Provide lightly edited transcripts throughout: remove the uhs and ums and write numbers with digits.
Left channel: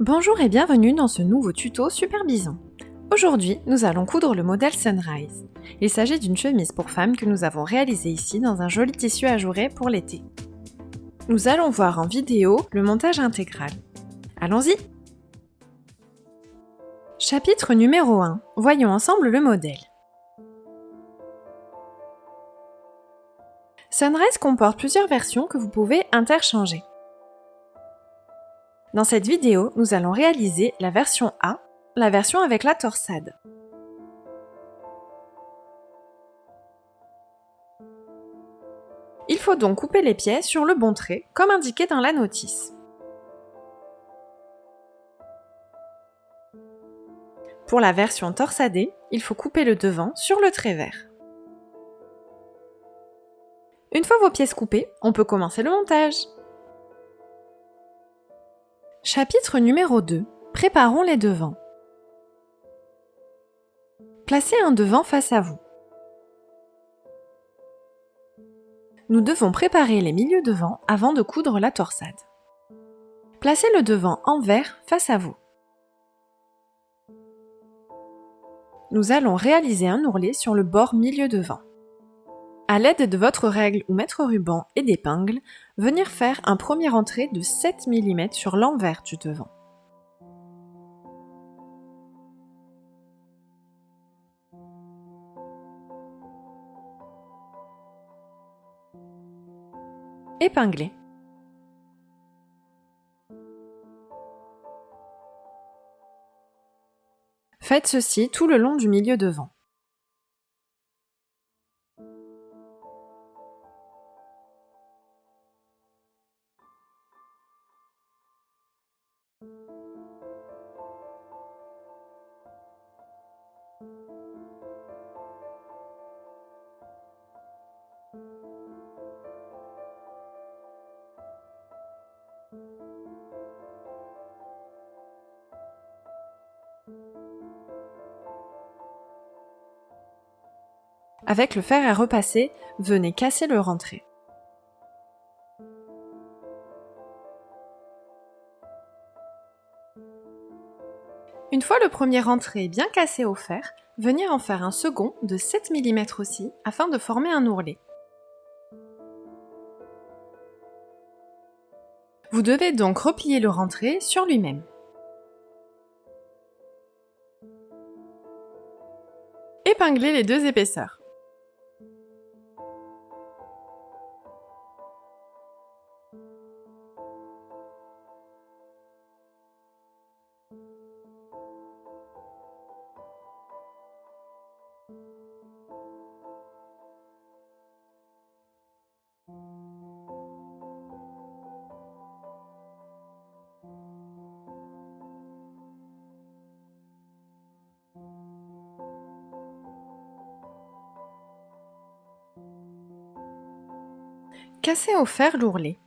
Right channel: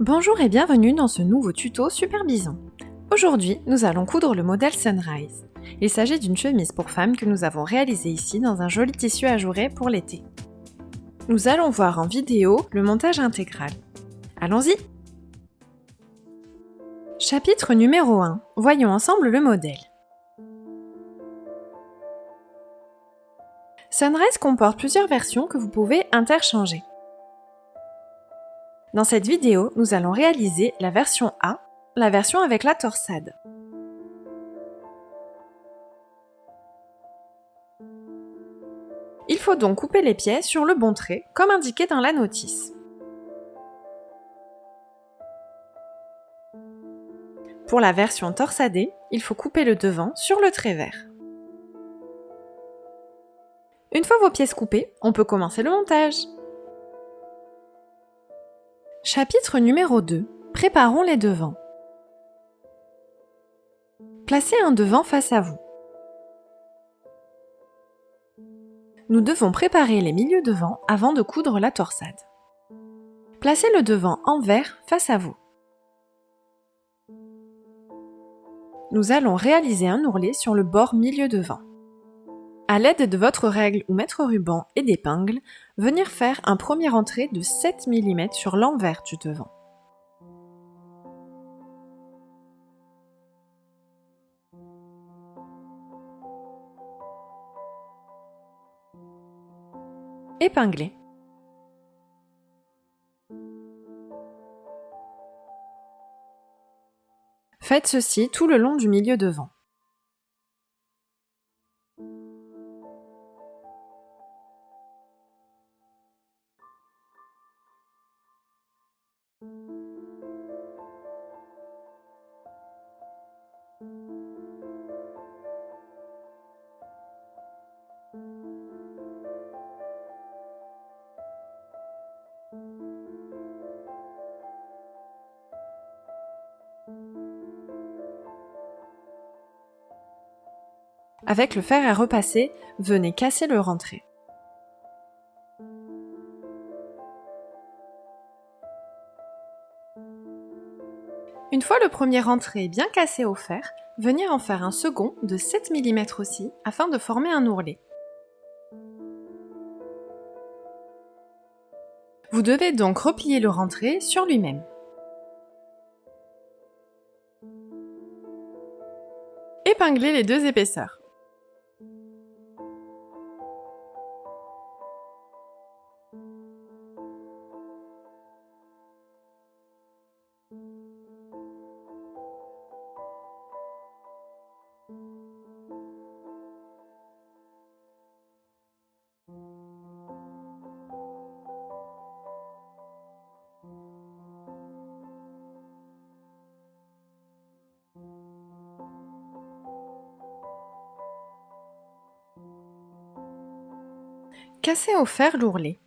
Bonjour et bienvenue dans ce nouveau tuto Super Bison. Aujourd'hui, nous allons coudre le modèle Sunrise. Il s'agit d'une chemise pour femme que nous avons réalisée ici dans un joli tissu ajouré pour l'été. Nous allons voir en vidéo le montage intégral. Allons-y! Chapitre numéro 1. Voyons ensemble le modèle. Sunrise comporte plusieurs versions que vous pouvez interchanger. Dans cette vidéo, nous allons réaliser la version A, la version avec la torsade. Il faut donc couper les pieds sur le bon trait, comme indiqué dans la notice. Pour la version torsadée, il faut couper le devant sur le trait vert. Une fois vos pièces coupées, on peut commencer le montage. Chapitre numéro 2. Préparons les devants. Placez un devant face à vous. Nous devons préparer les milieux devants avant de coudre la torsade. Placez le devant envers face à vous. Nous allons réaliser un ourlet sur le bord milieu devant. À l'aide de votre règle ou mètre-ruban et d'épingle, venir faire un premier entrée de 7 mm sur l'envers du devant. Épingler. Faites ceci tout le long du milieu devant. Avec le fer à repasser, venez casser le rentré. Une fois le premier rentré bien cassé au fer, venir en faire un second de 7 mm aussi afin de former un ourlet. Vous devez donc replier le rentré sur lui-même. Épinglez les deux épaisseurs. Cassez au fer l'ourlet.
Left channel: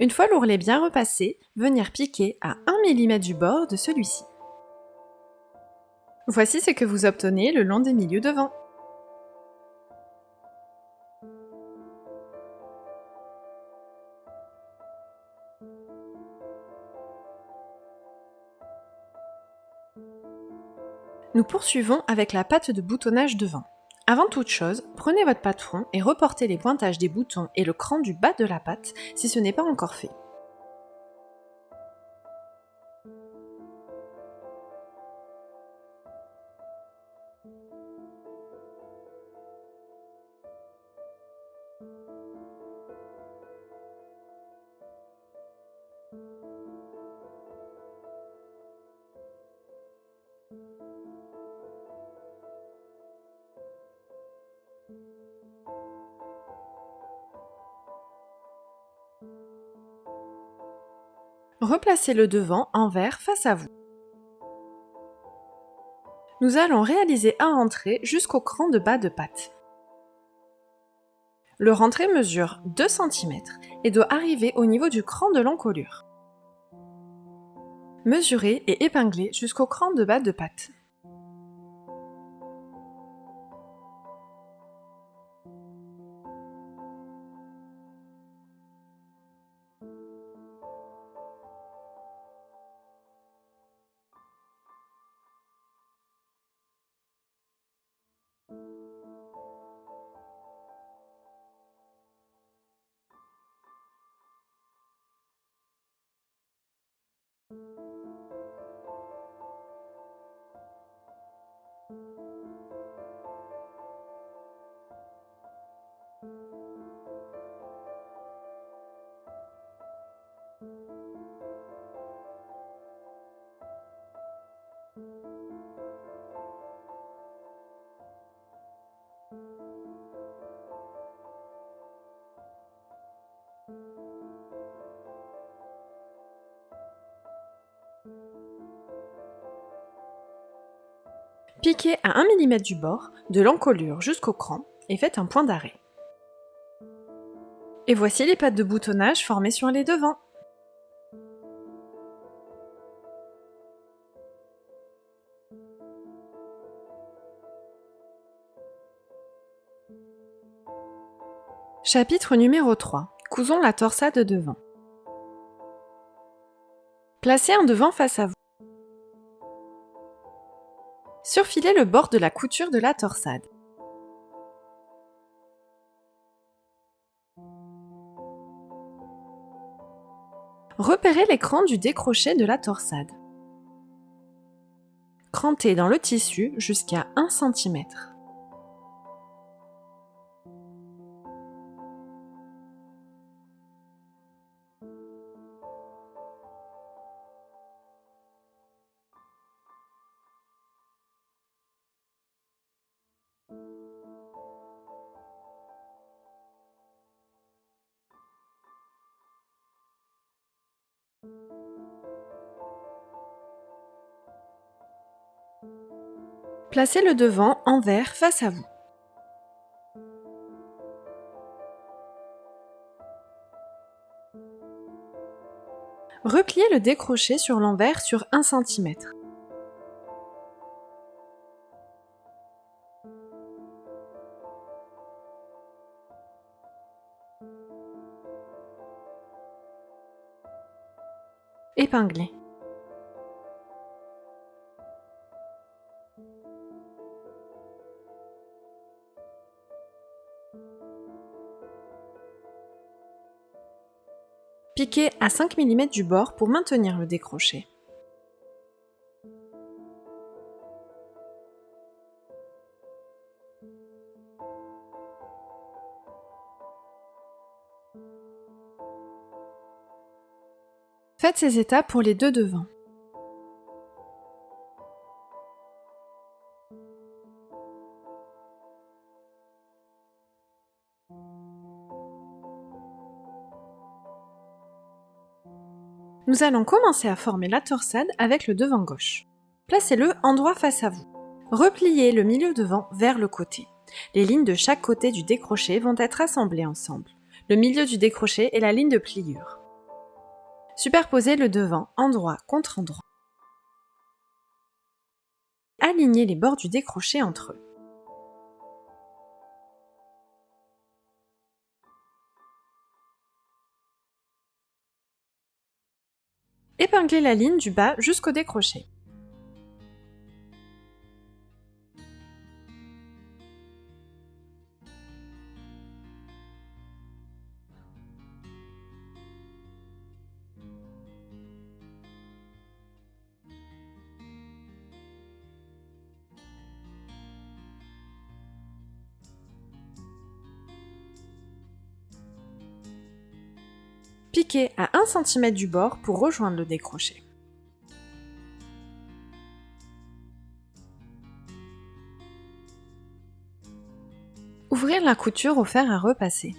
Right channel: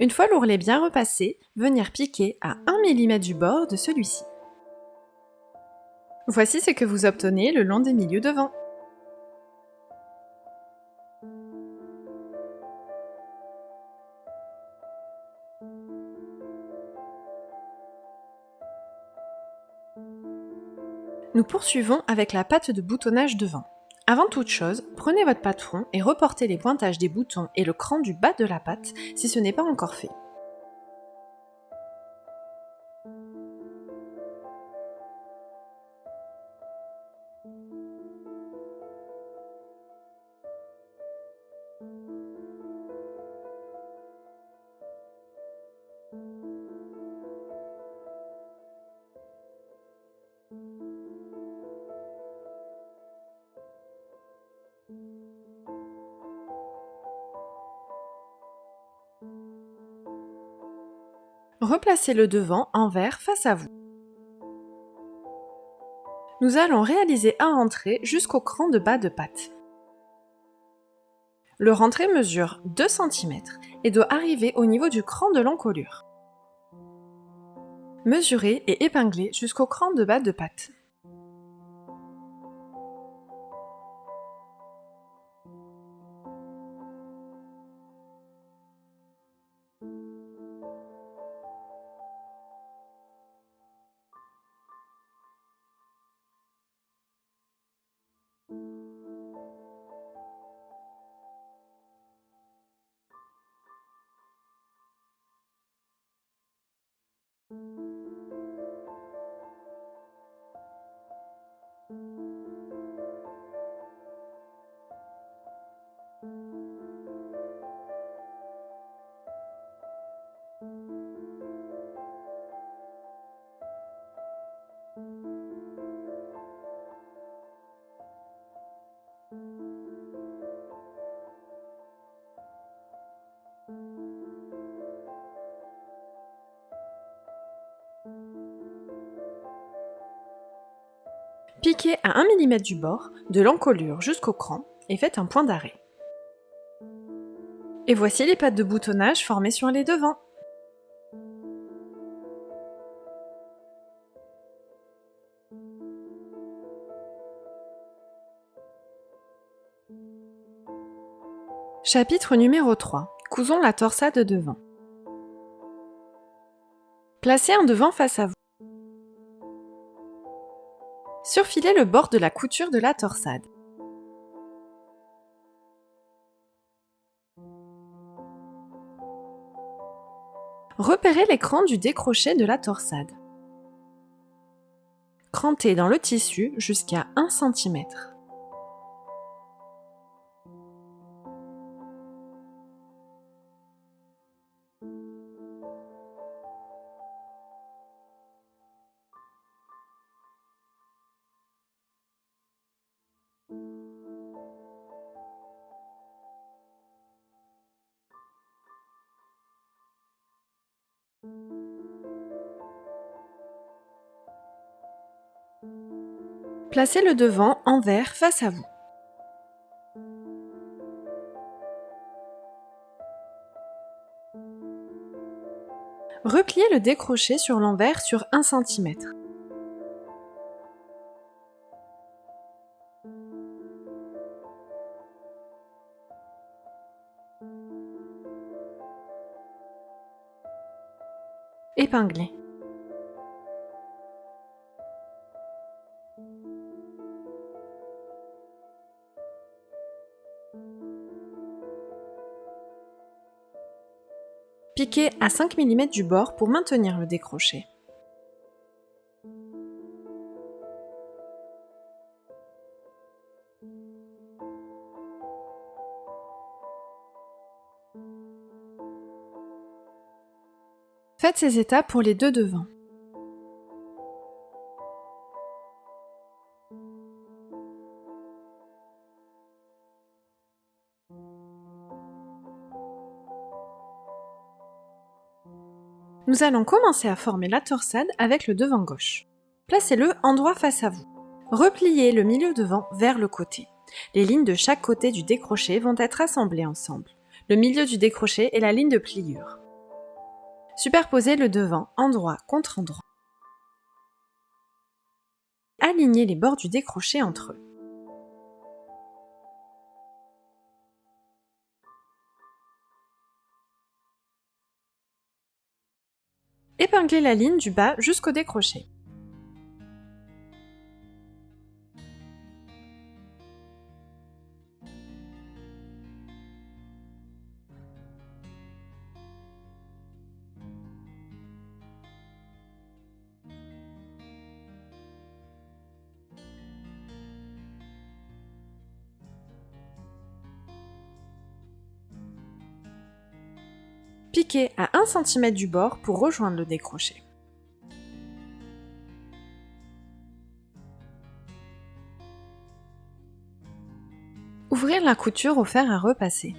Une fois l'ourlet bien repassé, venir piquer à 1 mm du bord de celui-ci. Voici ce que vous obtenez le long des milieux devant. Nous poursuivons avec la patte de boutonnage devant. Avant toute chose, prenez votre patron et reportez les pointages des boutons et le cran du bas de la patte si ce n'est pas encore fait. Replacez le devant envers face à vous. Nous allons réaliser un rentré jusqu'au cran de bas de patte. Le rentré mesure 2 cm et doit arriver au niveau du cran de l'encolure. Mesurer et épingler jusqu'au cran de bas de patte. Piquez à 1 mm du bord, de l'encolure jusqu'au cran et faites un point d'arrêt. Et voici les pattes de boutonnage formées sur les devants. Chapitre numéro 3. Cousons la torsade devant. Placez un devant face à vous. Surfilez le bord de la couture de la torsade. Repérez l'écran du décroché de la torsade. Crantez dans le tissu jusqu'à 1 cm. Placez le devant envers face à vous. Repliez le décroché sur l'envers sur 1 cm. Épinglez. Piquez à 5 mm du bord pour maintenir le décroché. Faites ces étapes pour les deux devants. Nous allons commencer à former la torsade avec le devant gauche. Placez-le endroit face à vous. Repliez le milieu devant vers le côté. Les lignes de chaque côté du décroché vont être assemblées ensemble. Le milieu du décroché est la ligne de pliure. Superposez le devant endroit contre endroit. Alignez les bords du décroché entre eux. Épinglez la ligne du bas jusqu'au décroché. Piquez à 1 cm du bord pour rejoindre le décroché. Ouvrir la couture au fer à repasser.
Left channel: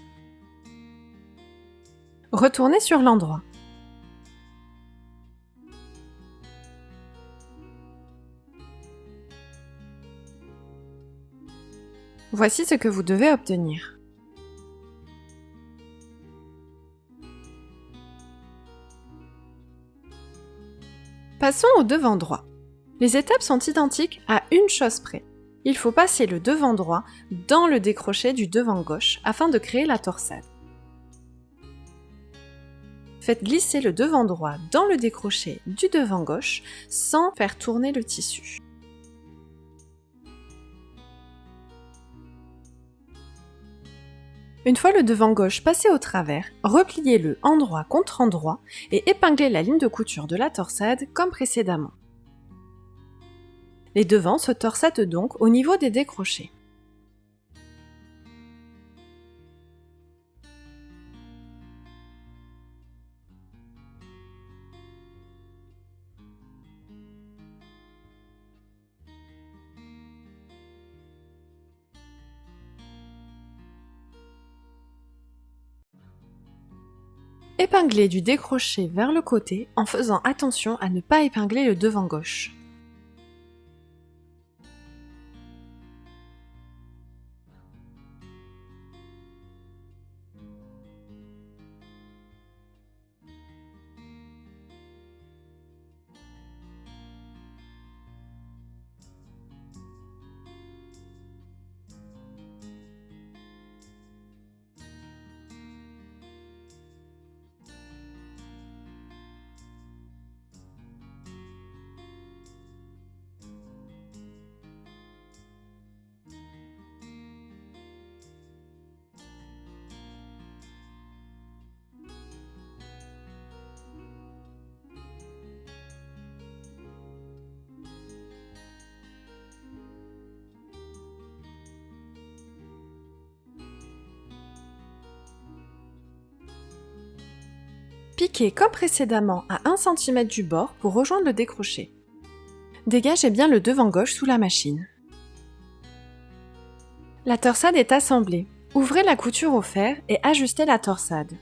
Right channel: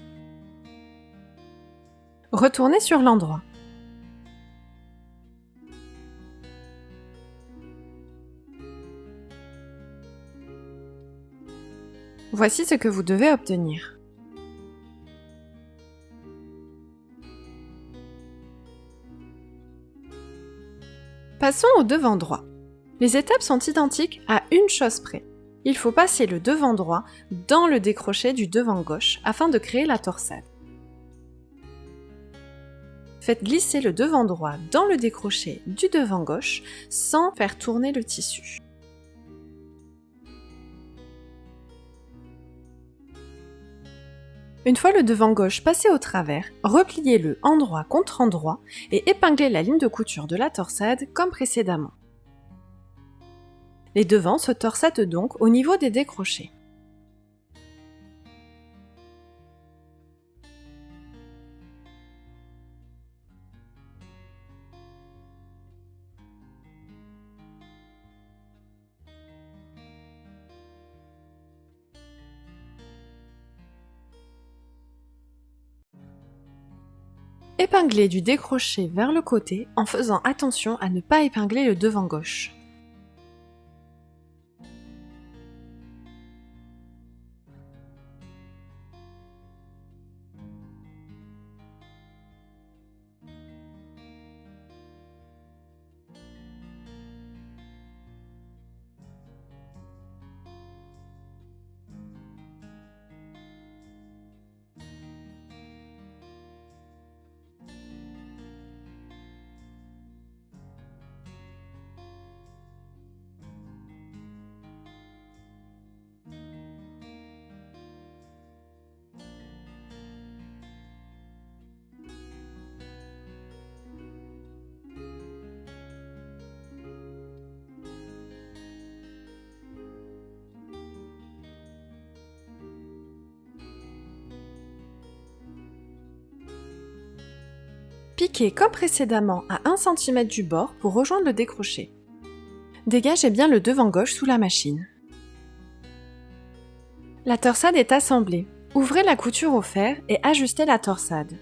Retournez sur l'endroit. Voici ce que vous devez obtenir. Passons au devant droit. Les étapes sont identiques à une chose près. Il faut passer le devant droit dans le décroché du devant gauche afin de créer la torsade. Faites glisser le devant droit dans le décroché du devant gauche sans faire tourner le tissu. Une fois le devant gauche passé au travers, repliez-le endroit contre endroit et épinglez la ligne de couture de la torsade comme précédemment. Les devants se torsadent donc au niveau des décrochés. Épinglez du décroché vers le côté en faisant attention à ne pas épingler le devant gauche. Piquez comme précédemment à 1 cm du bord pour rejoindre le décroché. Dégagez bien le devant gauche sous la machine. La torsade est assemblée. Ouvrez la couture au fer et ajustez la torsade.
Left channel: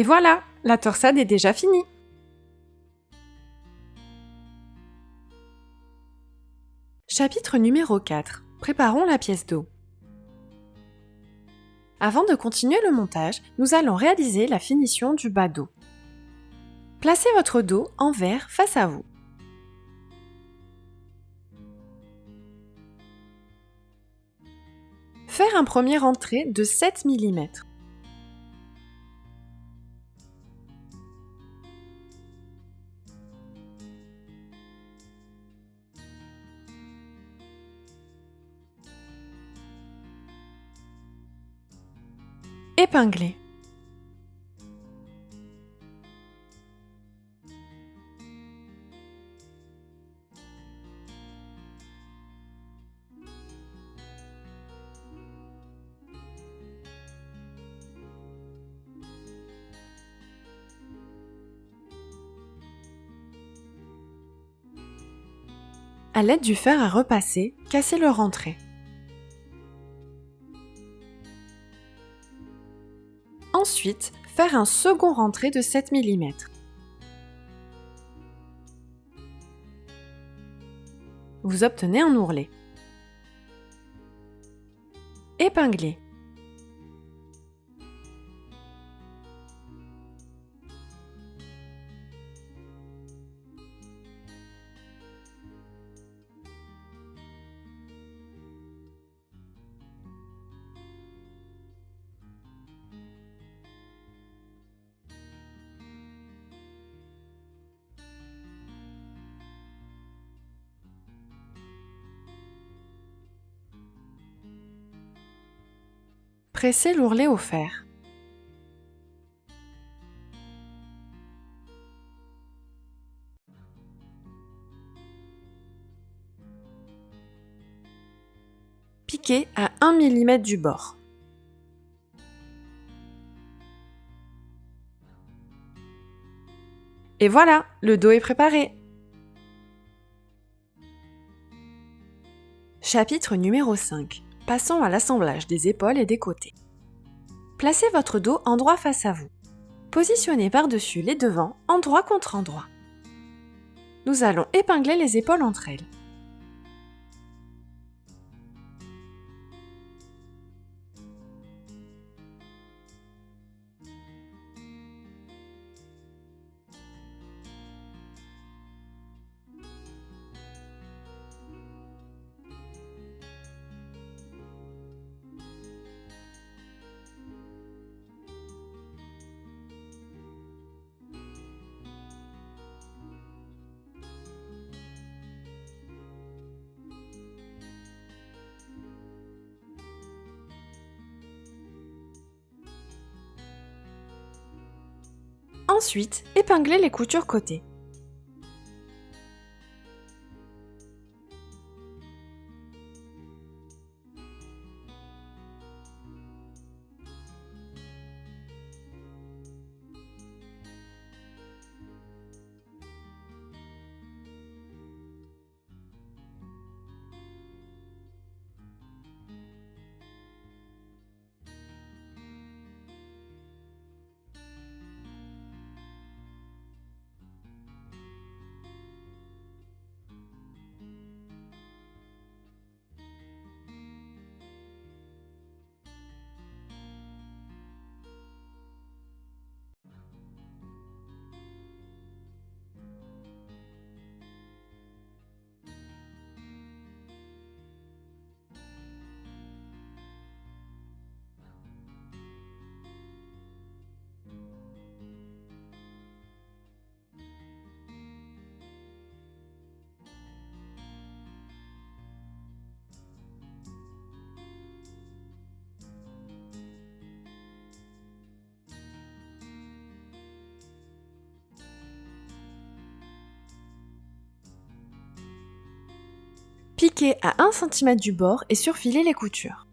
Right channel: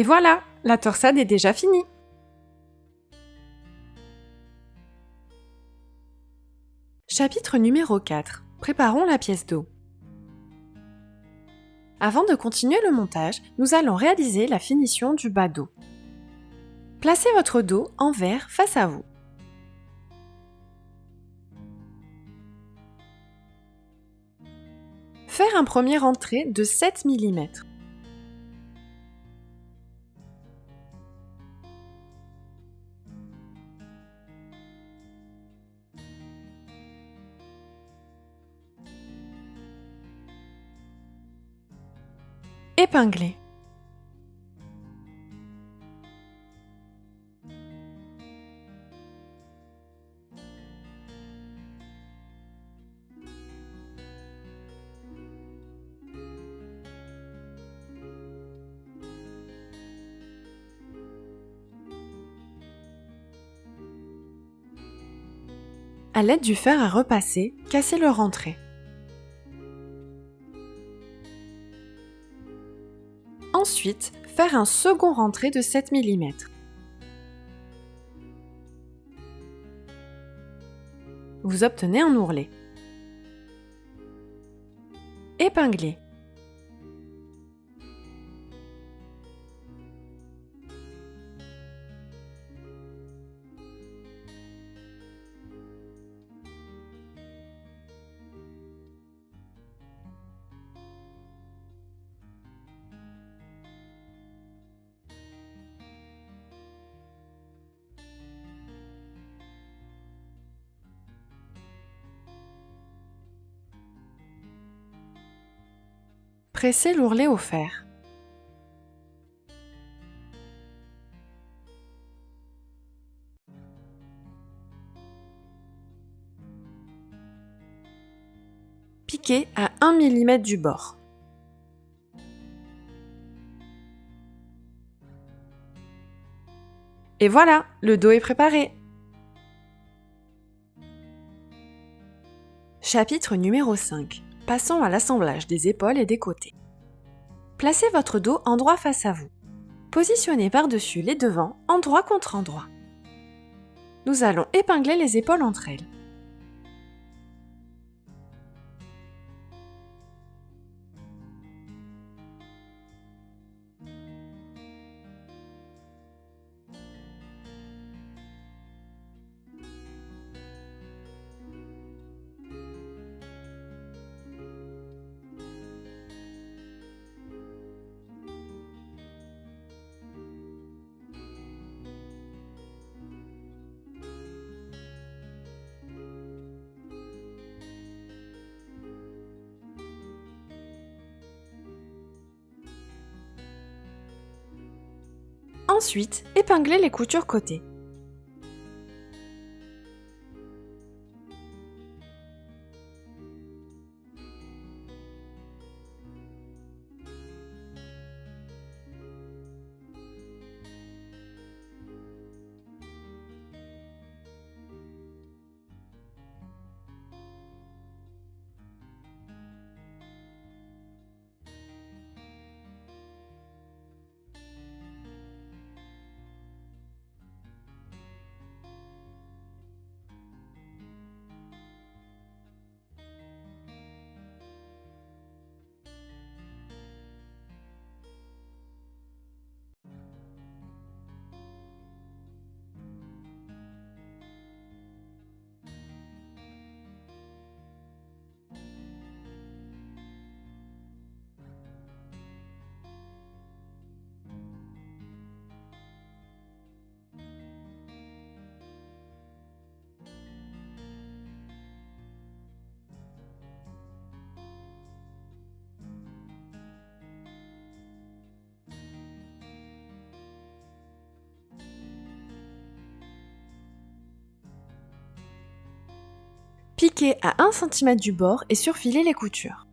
Et voilà, la torsade est déjà finie. Chapitre numéro 4. Préparons la pièce dos. Avant de continuer le montage, nous allons réaliser la finition du bas dos. Placez votre dos envers face à vous. Faire un premier rentré de 7 mm. Épingler. À l'aide du fer à repasser, cassez le rentré. Ensuite, faire un second rentré de 7 mm. Vous obtenez un ourlet. Épingler. Pressez l'ourlet au fer. Piquez à 1 mm du bord. Et voilà, le dos est préparé. Chapitre numéro 5. Passons à l'assemblage des épaules et des côtés. Placez votre dos endroit face à vous. Positionnez par-dessus les devants, endroit contre endroit. Nous allons épingler les épaules entre elles. Ensuite, épinglez les coutures côté. Piquez à 1 cm du bord et surfilez les coutures.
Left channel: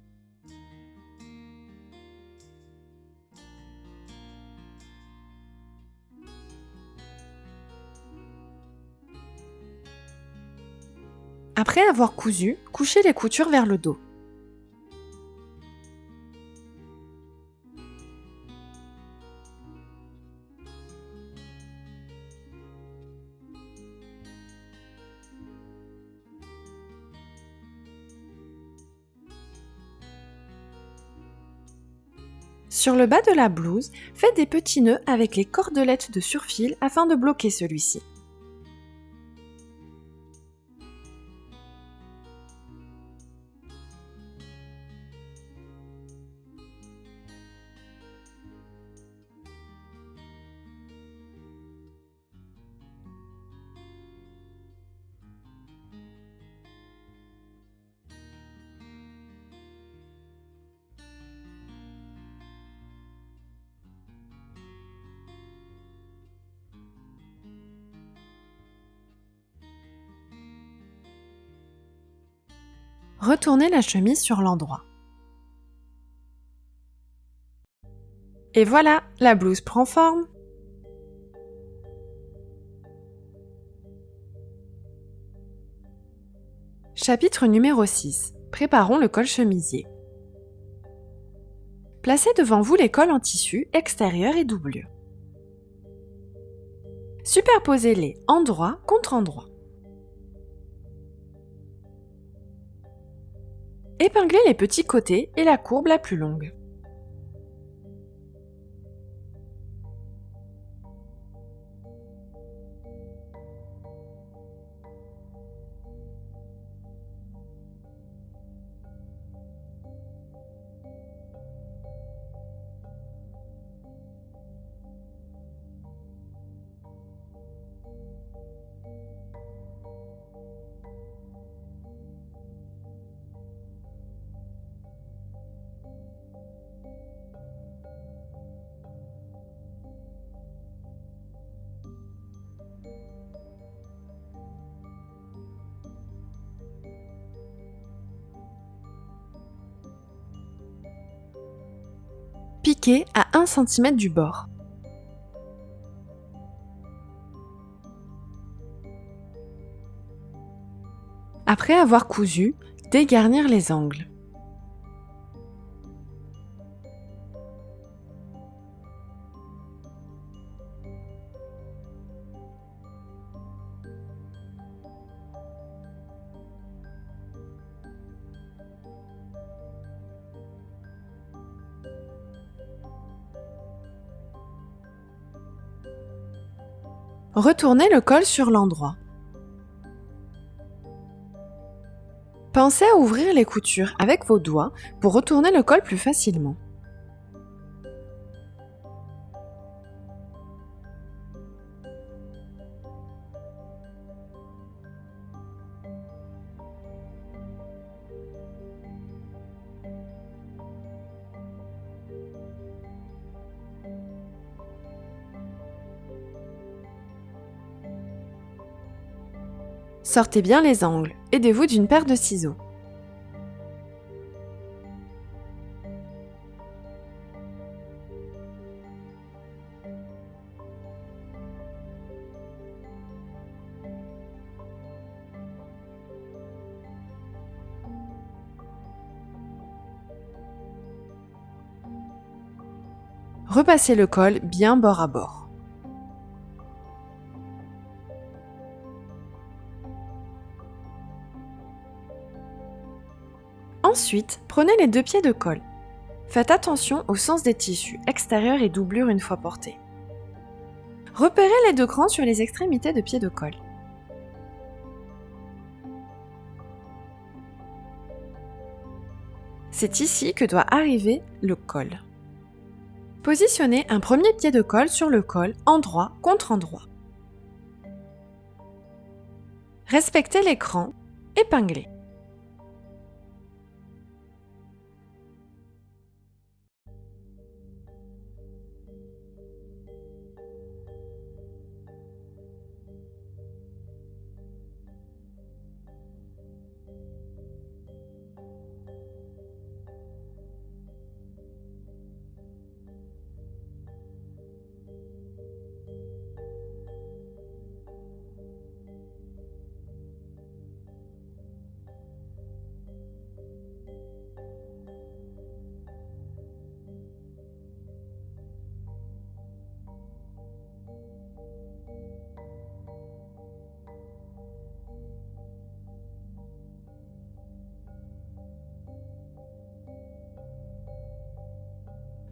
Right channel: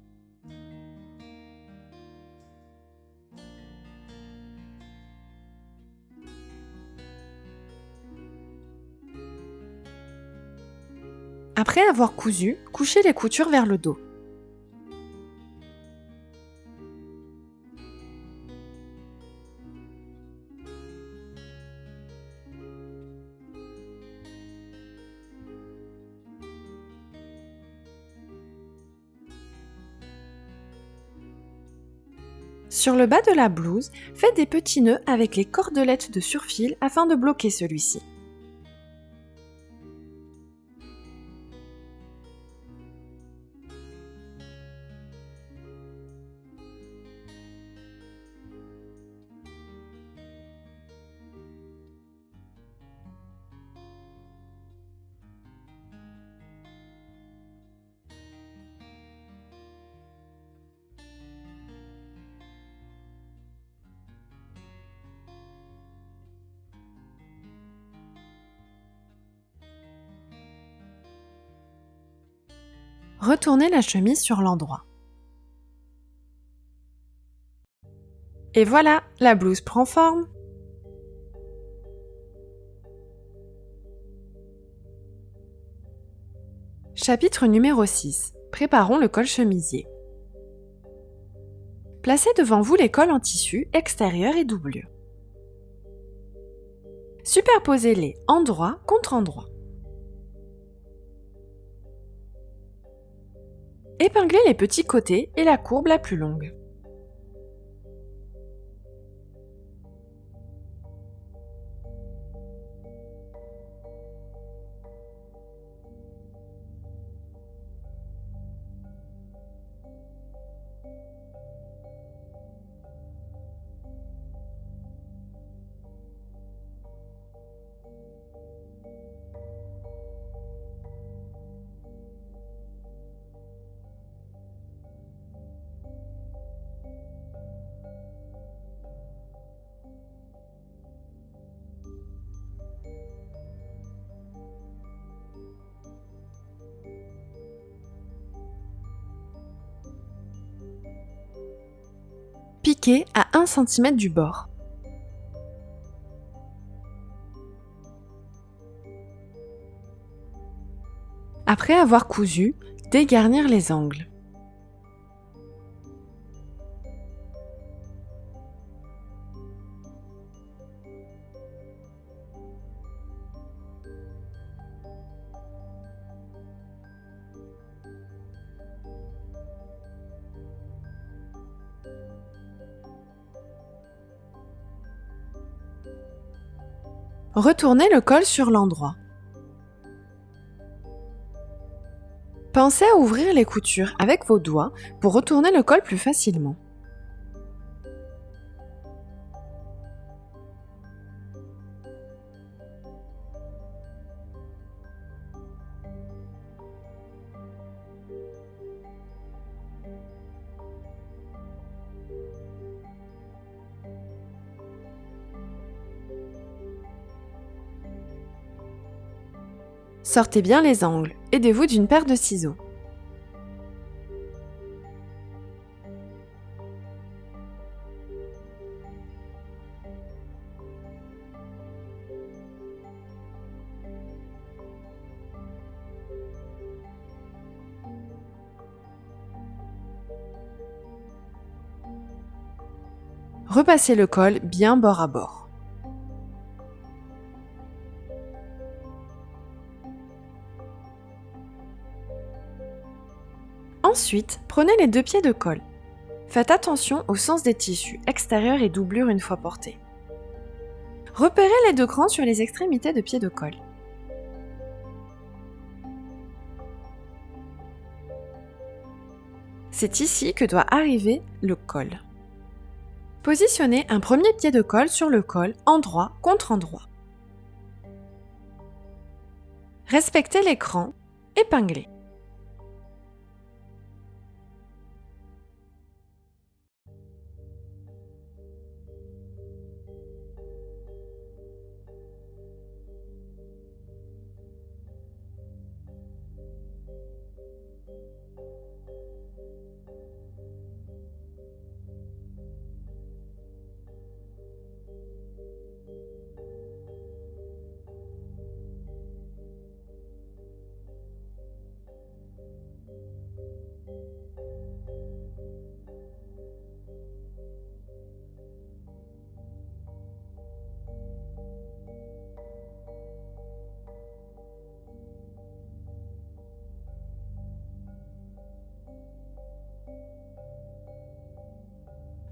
Après avoir cousu, couchez les coutures vers le dos. Sur le bas de la blouse, faites des petits nœuds avec les cordelettes de surfil afin de bloquer celui-ci. Retournez la chemise sur l'endroit. Et voilà, la blouse prend forme. Chapitre numéro 6. Préparons le col chemisier. Placez devant vous les cols en tissu extérieur et doublure. Superposez-les endroit contre endroit. Épinglez les petits côtés et la courbe la plus longue. Piquez à 1 cm du bord. Après avoir cousu, dégarnir les angles. Retournez le col sur l'endroit. Pensez à ouvrir les coutures avec vos doigts pour retourner le col plus facilement. Sortez bien les angles, aidez-vous d'une paire de ciseaux. Repassez le col bien bord à bord. Ensuite, prenez les 2 pieds de col. Faites attention au sens des tissus, extérieurs et doublure une fois portés. Repérez les 2 crans sur les extrémités de pieds de col. C'est ici que doit arriver le col. Positionnez un premier pied de col sur le col, endroit contre endroit. Respectez les crans, épinglez.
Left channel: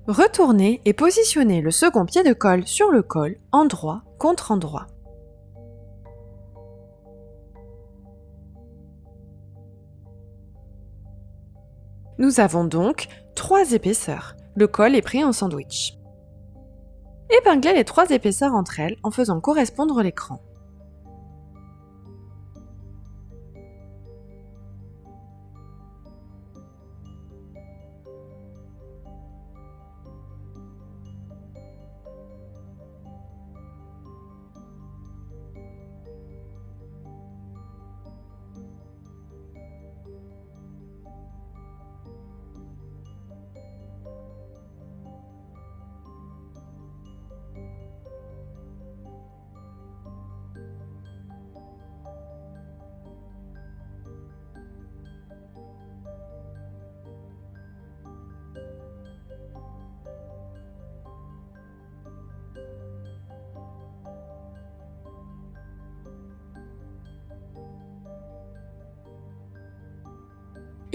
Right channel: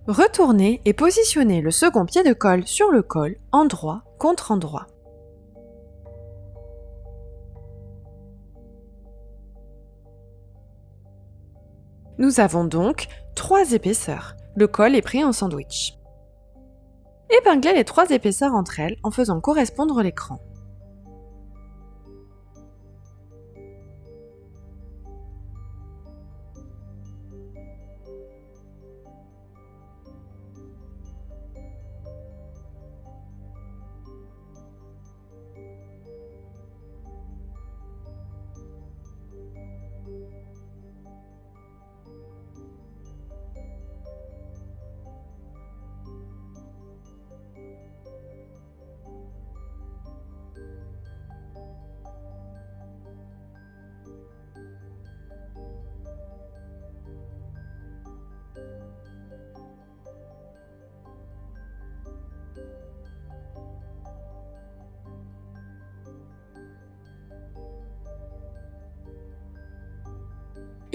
Retournez et positionnez le second pied de col sur le col, endroit contre endroit. Nous avons donc 3 épaisseurs. Le col est pris en sandwich. Épinglez les 3 épaisseurs entre elles en faisant correspondre les crans.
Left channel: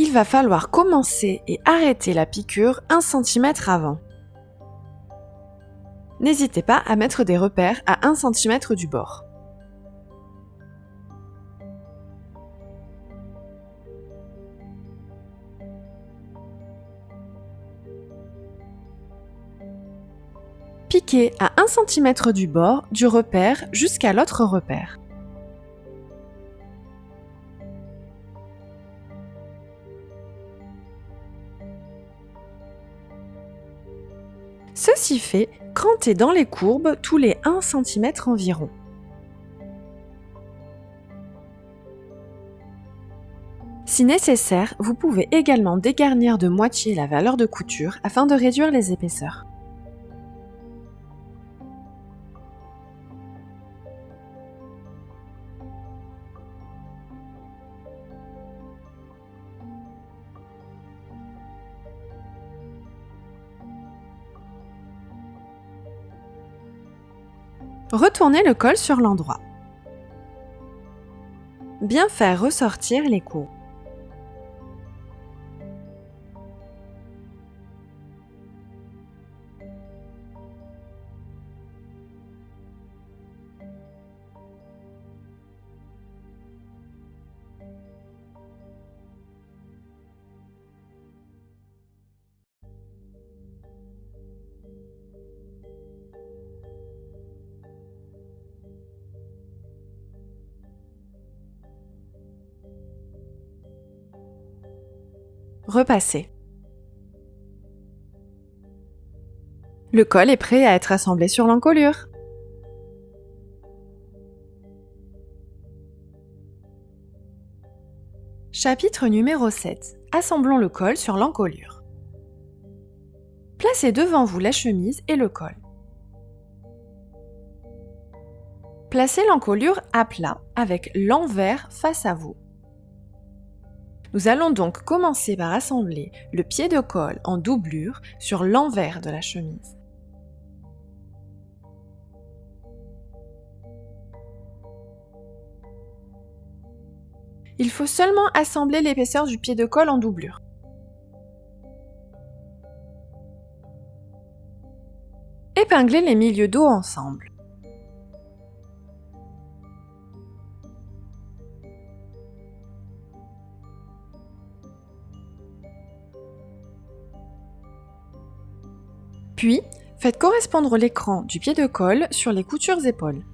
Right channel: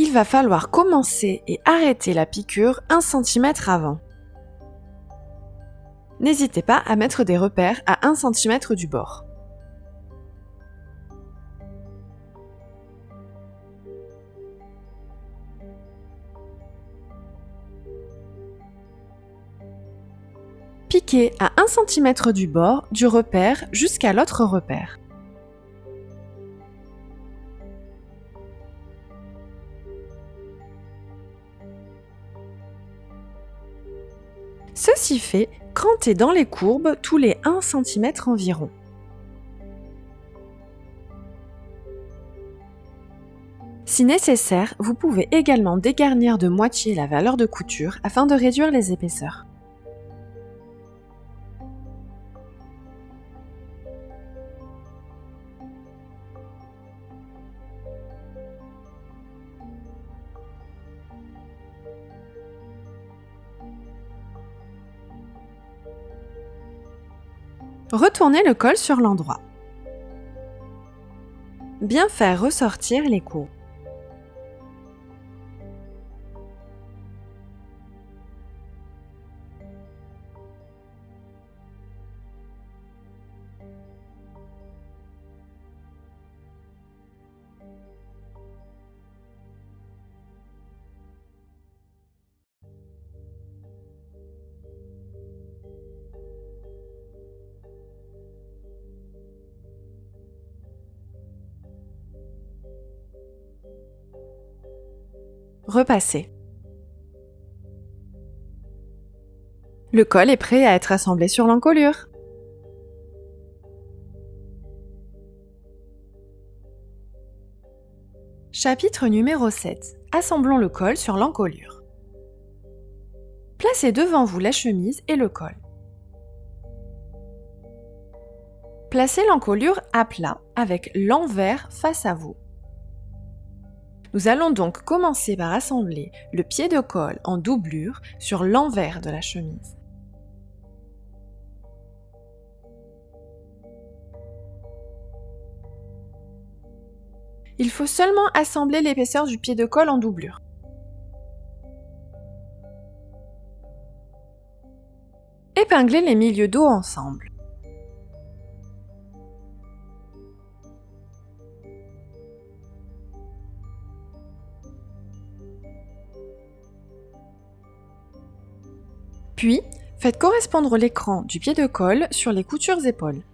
Il va falloir commencer et arrêter la piqûre 1 cm avant. N'hésitez pas à mettre des repères à 1 cm du bord. Piquez à 1 cm du bord du repère jusqu'à l'autre repère. Ceci fait, crantez dans les courbes tous les 1 cm environ. Si nécessaire, vous pouvez également dégarnir de moitié la valeur de couture afin de réduire les épaisseurs. Retournez le col sur l'endroit. Bien faire ressortir les coups. Repassez. Le col est prêt à être assemblé sur l'encolure. Chapitre numéro 7. Assemblons le col sur l'encolure. Placez devant vous la chemise et le col. Placez l'encolure à plat avec l'envers face à vous. Nous allons donc commencer par assembler le pied de col en doublure sur l'envers de la chemise. Il faut seulement assembler l'épaisseur du pied de col en doublure. Épinglez les milieux dos ensemble. Puis, faites correspondre l'écran du pied de col sur les coutures épaules.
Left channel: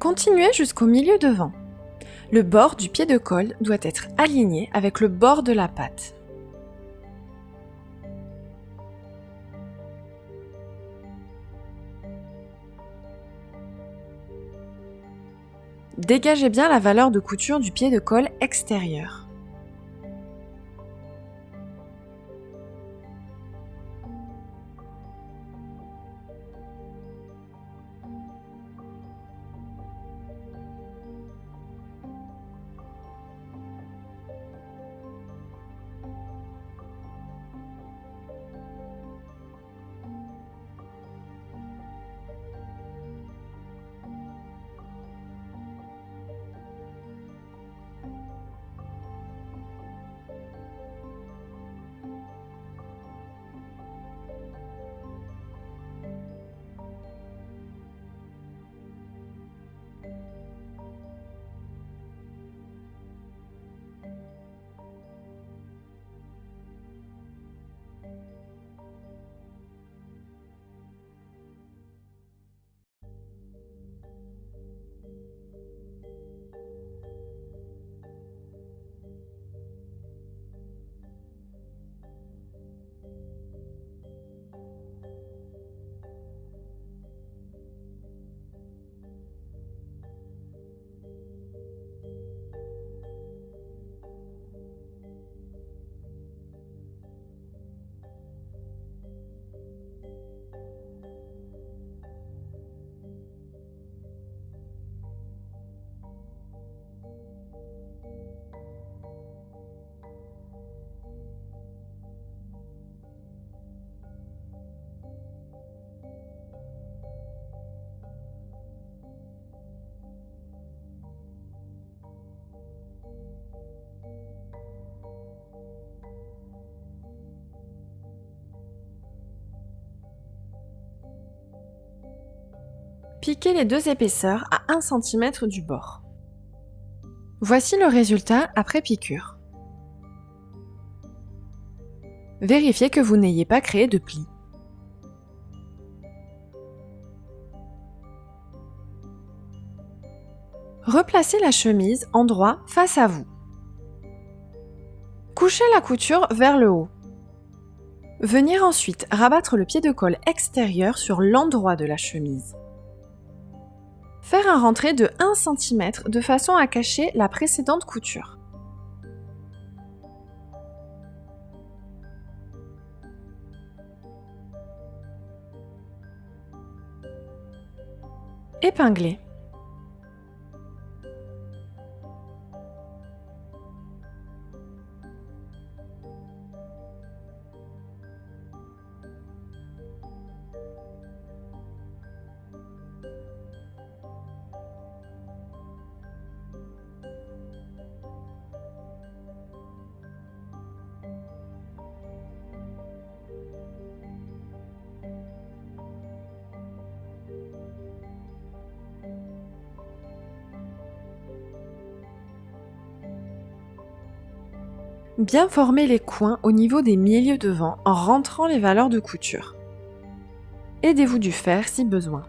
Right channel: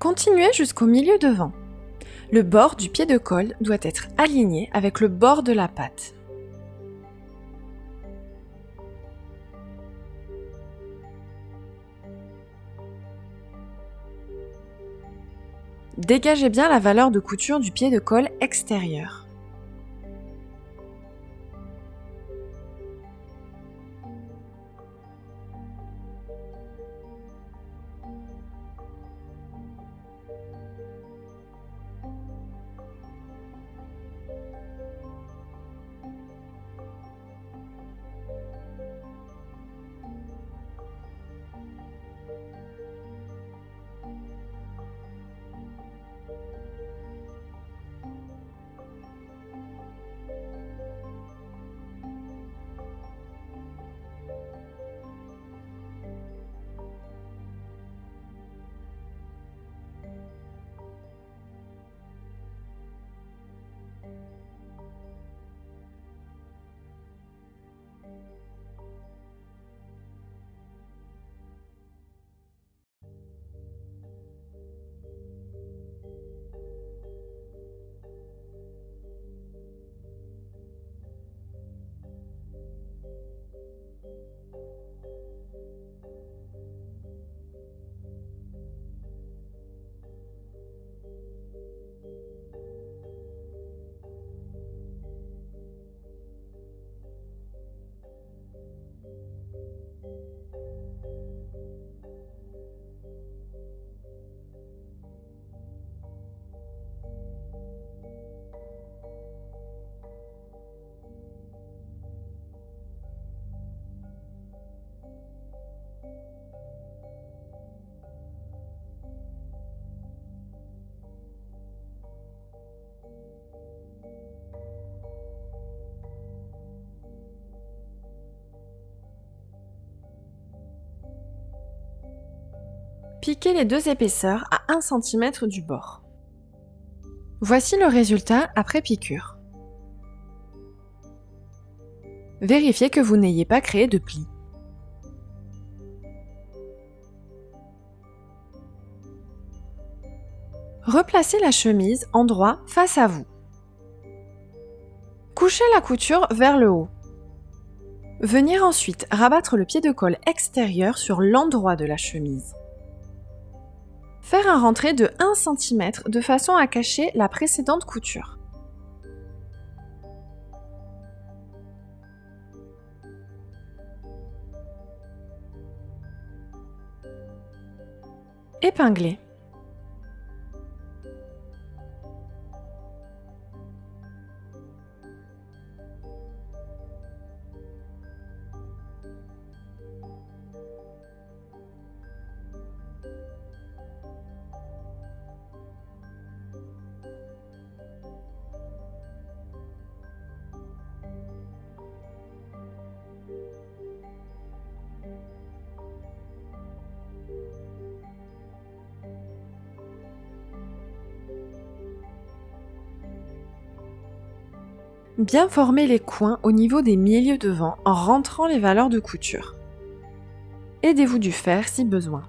Continuez jusqu'au milieu devant. Le bord du pied de col doit être aligné avec le bord de la patte. Dégagez bien la valeur de couture du pied de col extérieur. Piquez les deux épaisseurs à 1 cm du bord. Voici le résultat après piqûre. Vérifiez que vous n'ayez pas créé de plis. Replacez la chemise en droit face à vous. Couchez la couture vers le haut. Venir ensuite rabattre le pied de colle extérieur sur l'endroit de la chemise. Faire un rentré de 1 cm de façon à cacher la précédente couture. Épingler. Bien former les coins au niveau des milieux devant en rentrant les valeurs de couture. Aidez-vous du fer si besoin.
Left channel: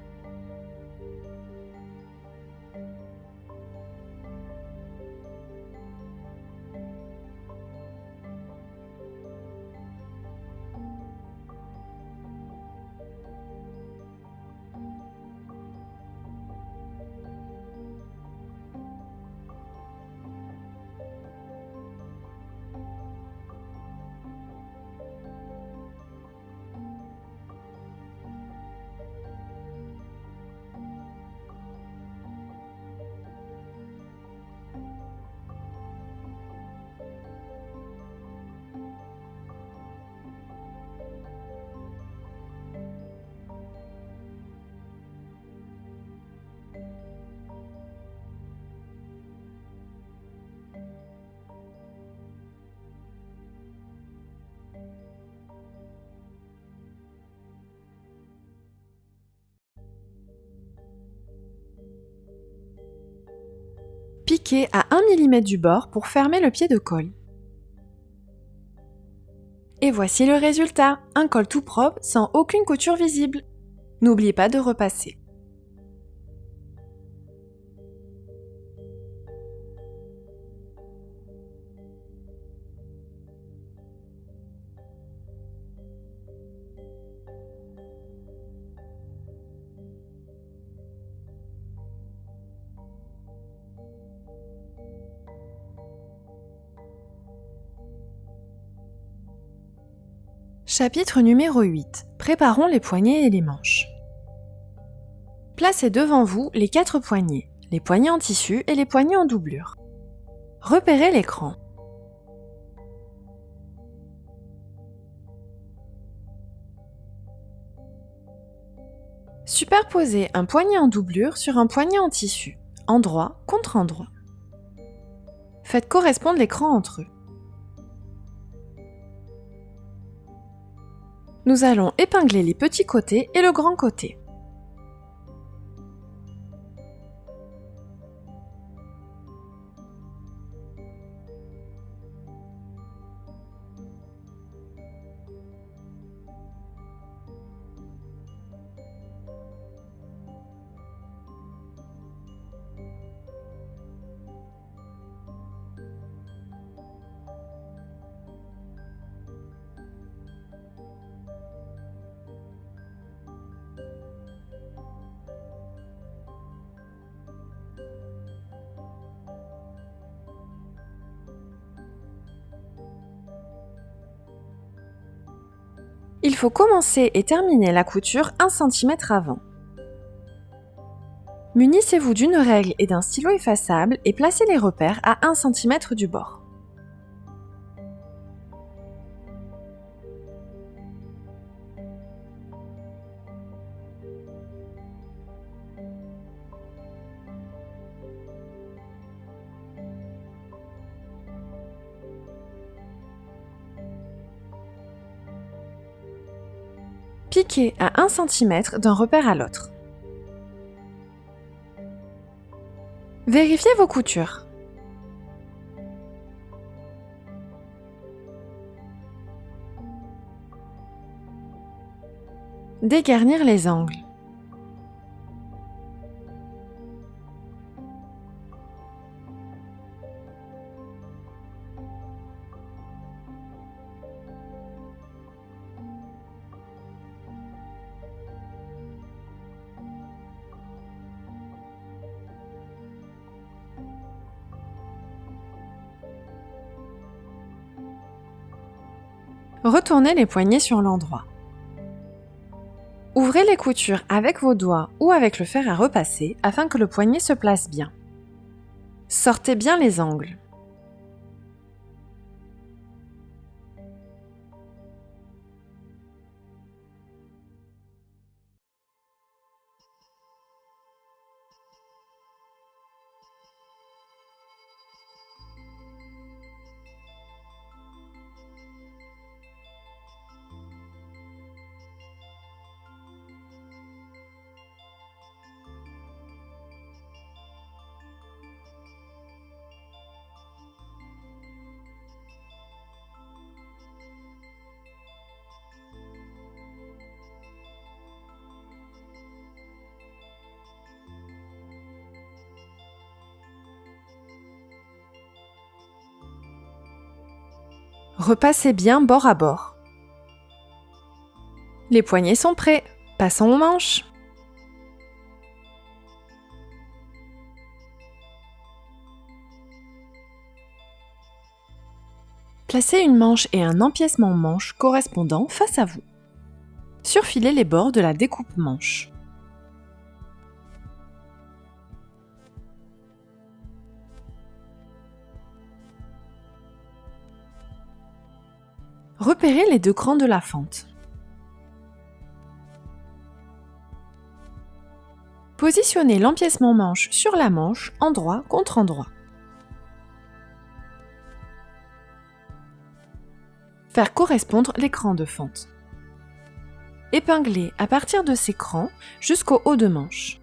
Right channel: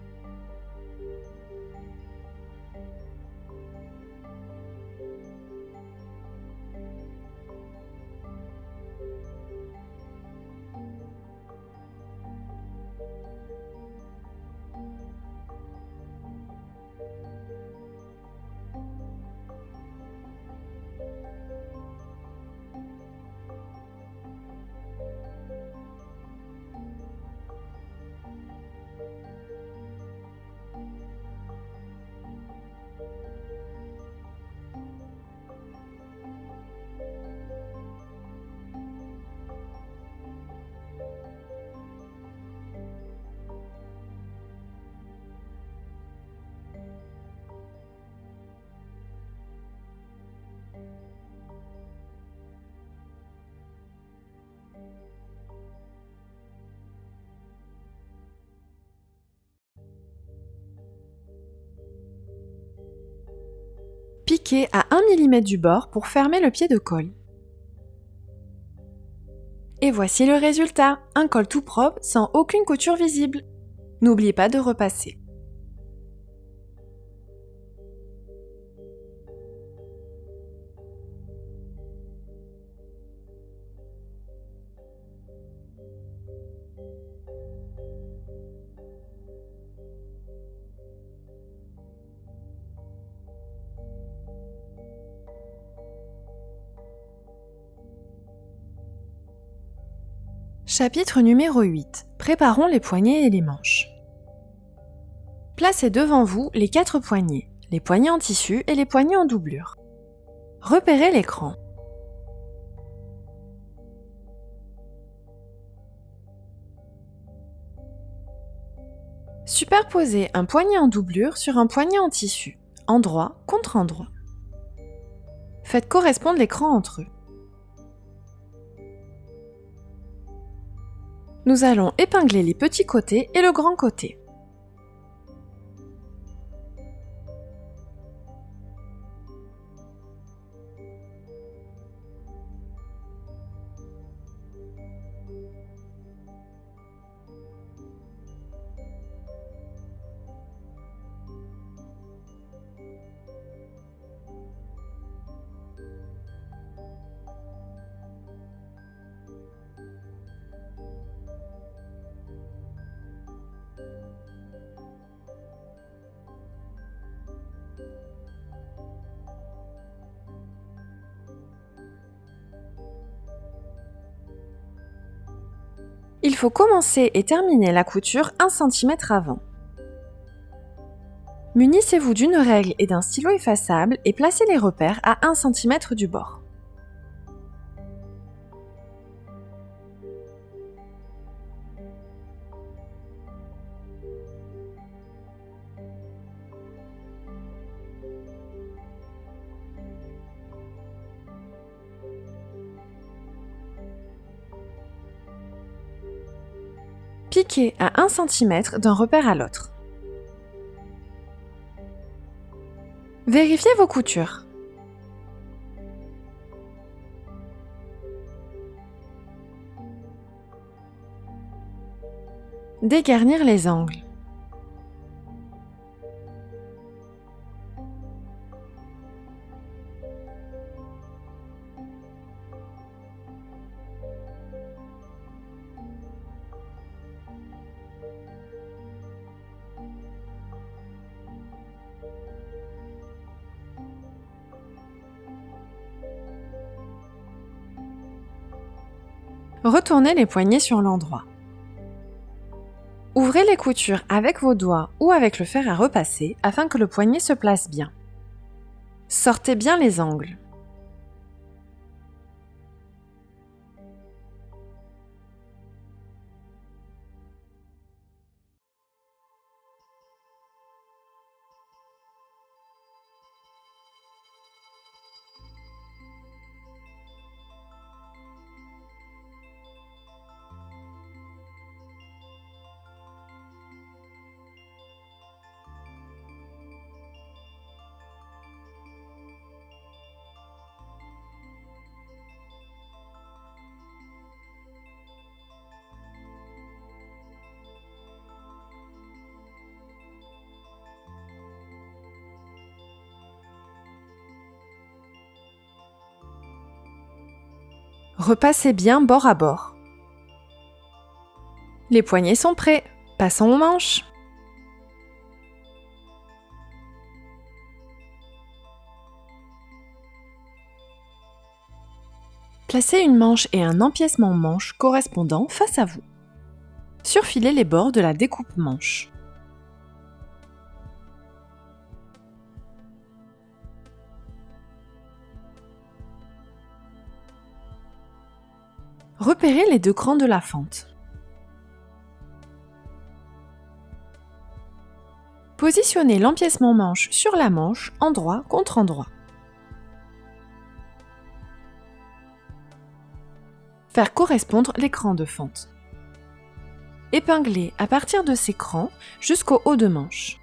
Piquez à 1 mm du bord pour fermer le pied de colle. Et voici le résultat, un col tout propre sans aucune couture visible. N'oubliez pas de repasser. Chapitre numéro 8. Préparons les poignets et les manches. Placez devant vous les 4 poignets, les poignets en tissu et les poignets en doublure. Repérez l'écran. Superposez un poignet en doublure sur un poignet en tissu, endroit contre endroit. Faites correspondre l'écran entre eux. Nous allons épingler les petits côtés et le grand côté. Il faut commencer et terminer la couture 1 cm avant. Munissez-vous d'une règle et d'un stylo effaçable et placez les repères à 1 cm du bord. Piquez à 1 cm d'un repère à l'autre. Vérifiez vos coutures. Dégarnir les angles. Retournez les poignets sur l'endroit. Ouvrez les coutures avec vos doigts ou avec le fer à repasser afin que le poignet se place bien. Sortez bien les angles. Repassez bien bord à bord. Les poignets sont prêts. Passons aux manches. Placez une manche et un empiècement manche correspondant face à vous. Surfilez les bords de la découpe manche. Repérez les deux crans de la fente. Positionnez l'empiècement manche sur la manche, endroit contre endroit. Faire correspondre les crans de fente. Épinglez à partir de ces crans jusqu'au haut de manche.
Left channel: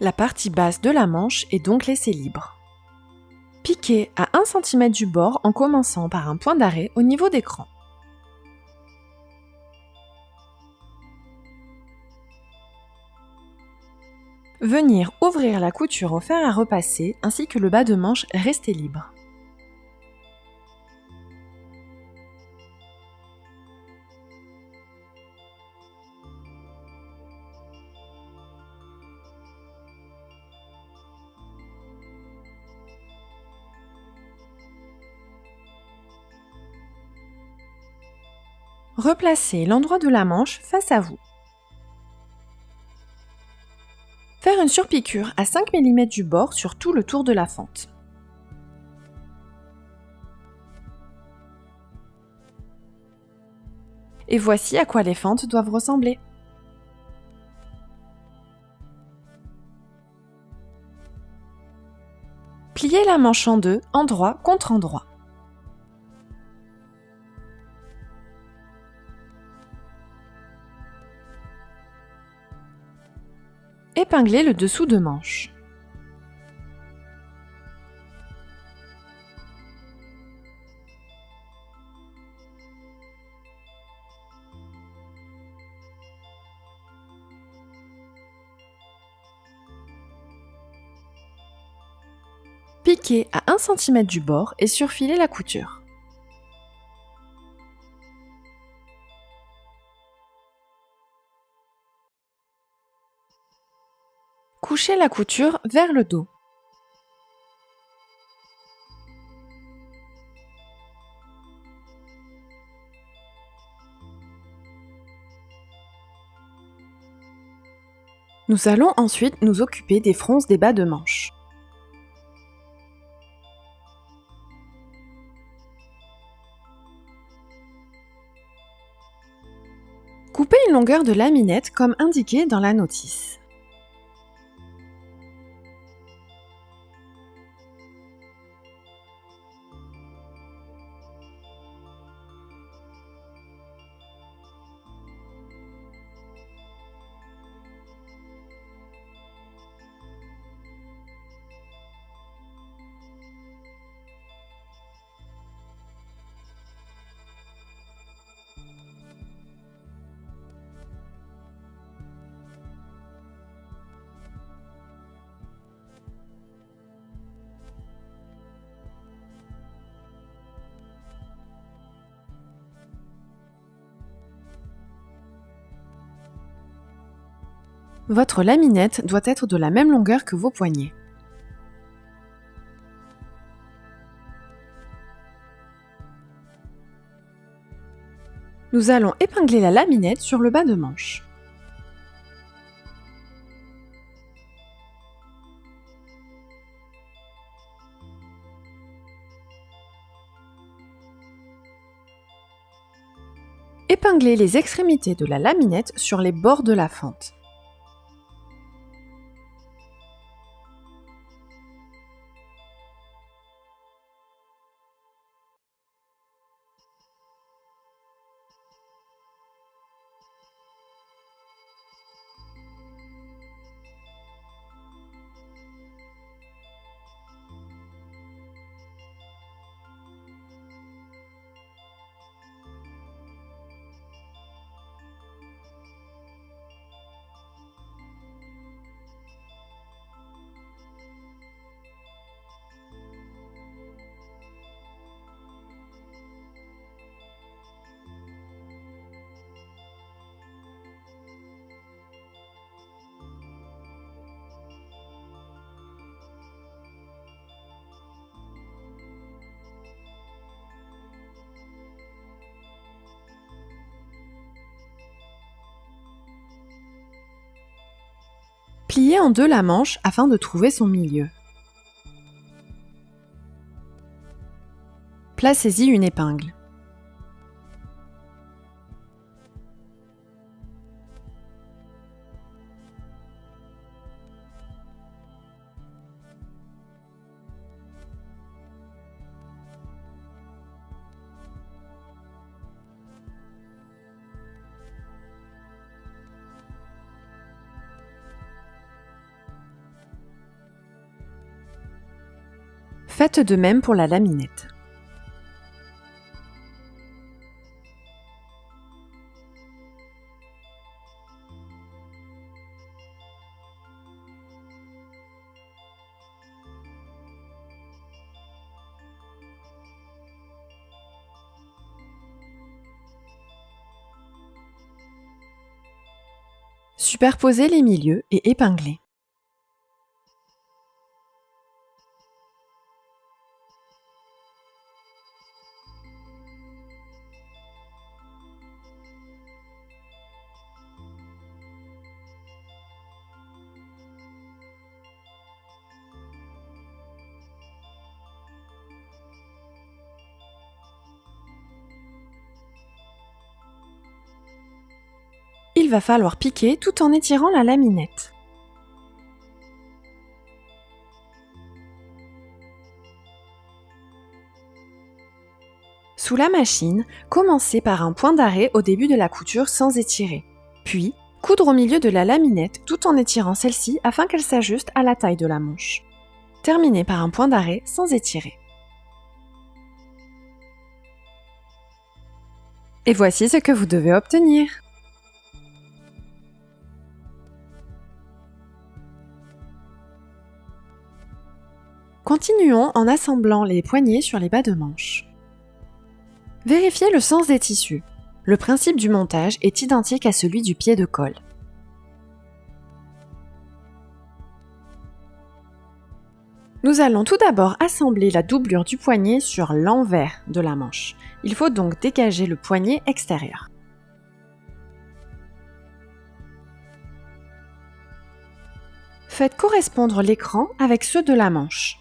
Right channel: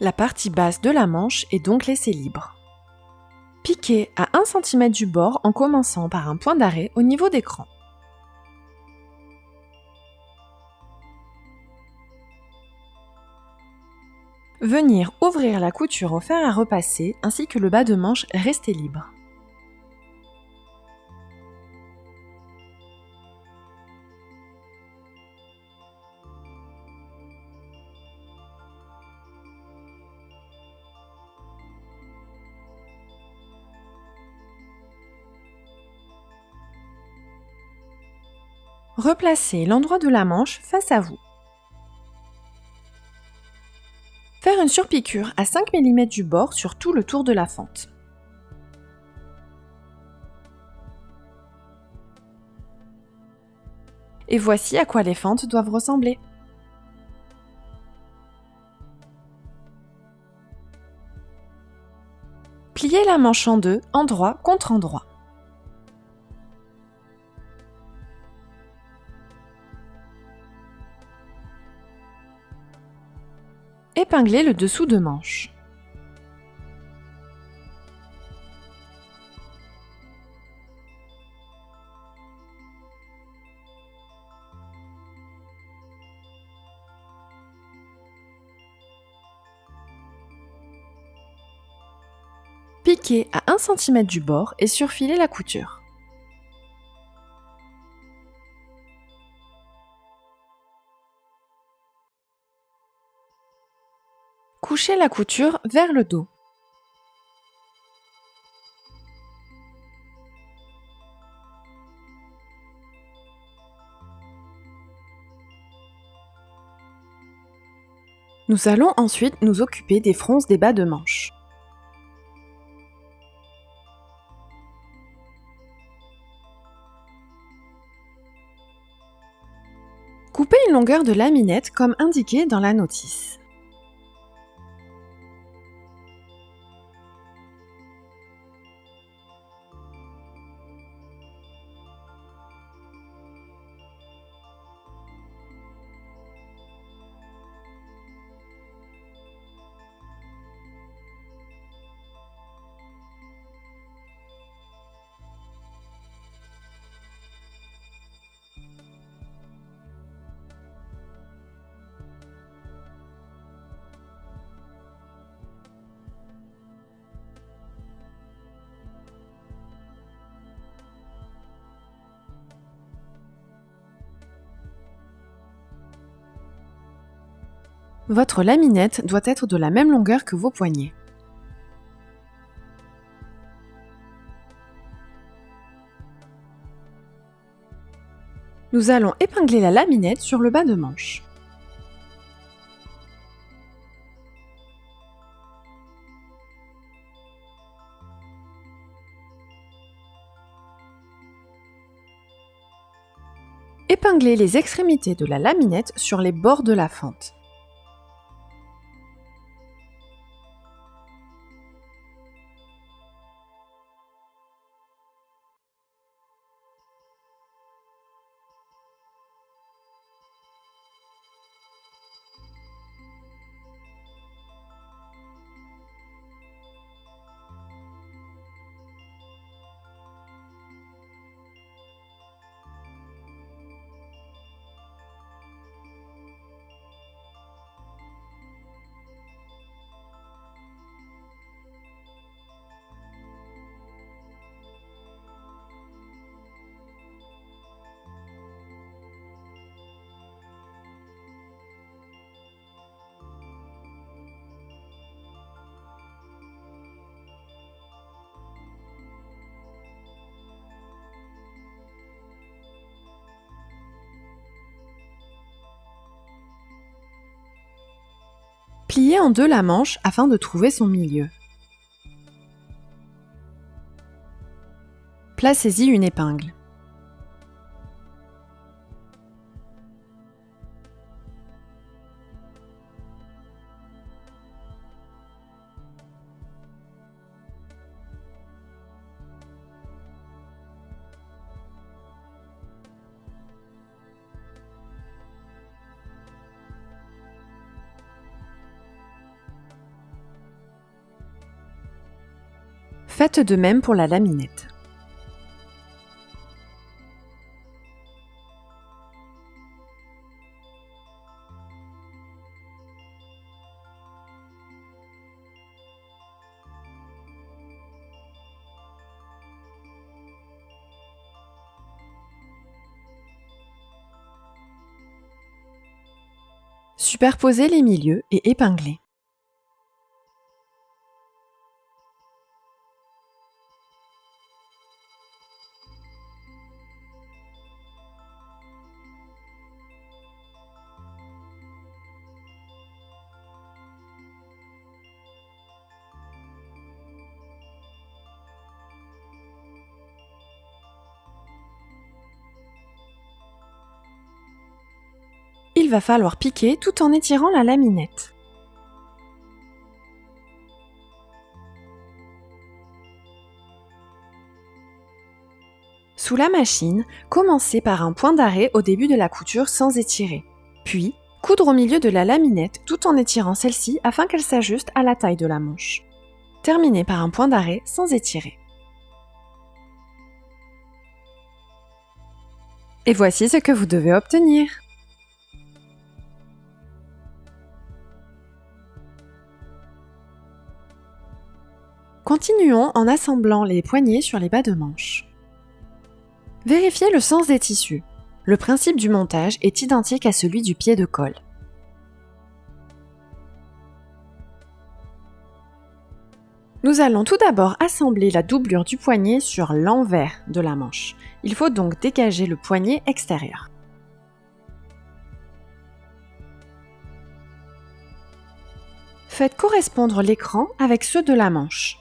La partie basse de la manche est donc laissée libre. Piquez à 1 cm du bord en commençant par un point d'arrêt au niveau des crans. Venir ouvrir la couture au fer à repasser ainsi que le bas de manche resté libre. Replacez l'endroit de la manche face à vous. Faire une surpiqûre à 5 mm du bord sur tout le tour de la fente. Et voici à quoi les fentes doivent ressembler. Pliez la manche en deux, endroit contre endroit. Épinglez le dessous de manche. Piquez à 1 cm du bord et surfilez la couture. Couchez la couture vers le dos. Nous allons ensuite nous occuper des fronces des bas de manche. Coupez une longueur de laminette comme indiqué dans la notice. Votre laminette doit être de la même longueur que vos poignets. Nous allons épingler la laminette sur le bas de manche. Épinglez les extrémités de la laminette sur les bords de la fente. Pliez en deux la manche afin de trouver son milieu. Placez-y une épingle. Faites de même pour la laminette. Superposez les milieux et épinglez. Il va falloir piquer tout en étirant la laminette. Sous la machine, commencez par un point d'arrêt au début de la couture sans étirer. Puis, coudre au milieu de la laminette tout en étirant celle-ci afin qu'elle s'ajuste à la taille de la manche. Terminez par un point d'arrêt sans étirer. Et voici ce que vous devez obtenir. Continuons en assemblant les poignets sur les bas de manche. Vérifiez le sens des tissus. Le principe du montage est identique à celui du pied de colle. Nous allons tout d'abord assembler la doublure du poignet sur l'envers de la manche. Il faut donc dégager le poignet extérieur. Faites correspondre l'écran avec ceux de la manche.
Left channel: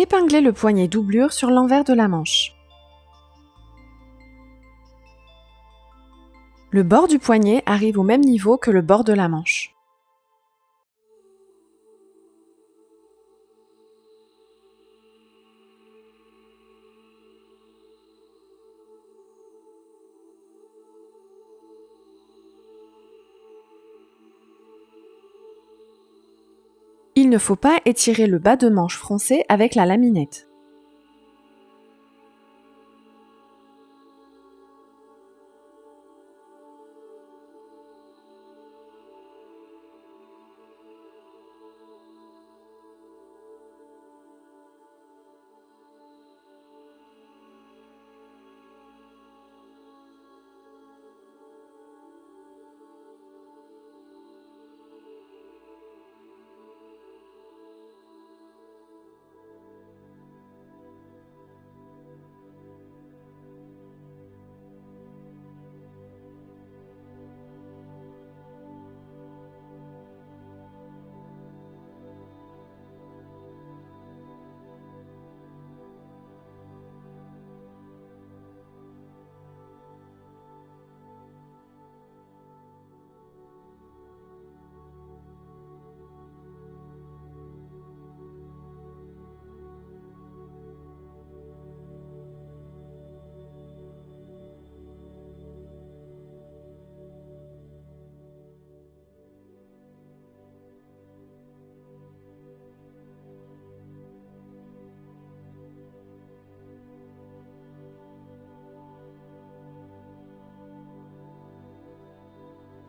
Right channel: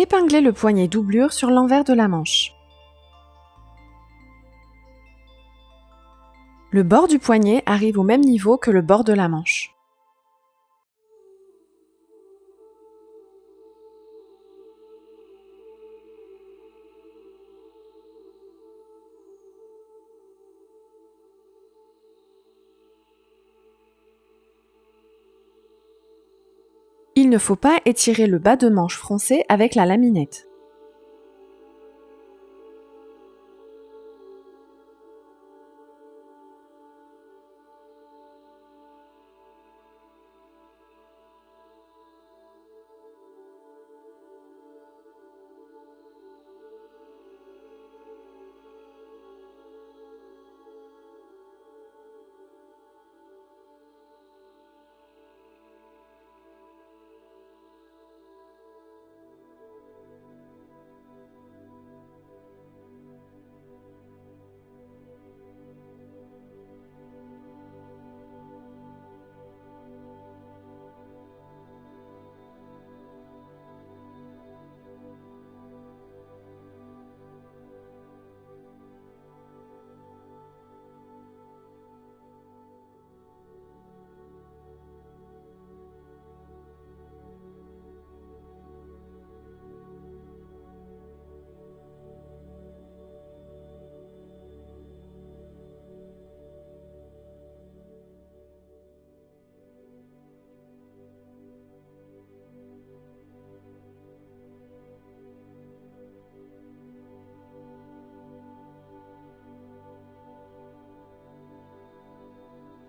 Épinglez le poignet doublure sur l'envers de la manche. Le bord du poignet arrive au même niveau que le bord de la manche. Il ne faut pas étirer le bas de manche froncé avec la laminette.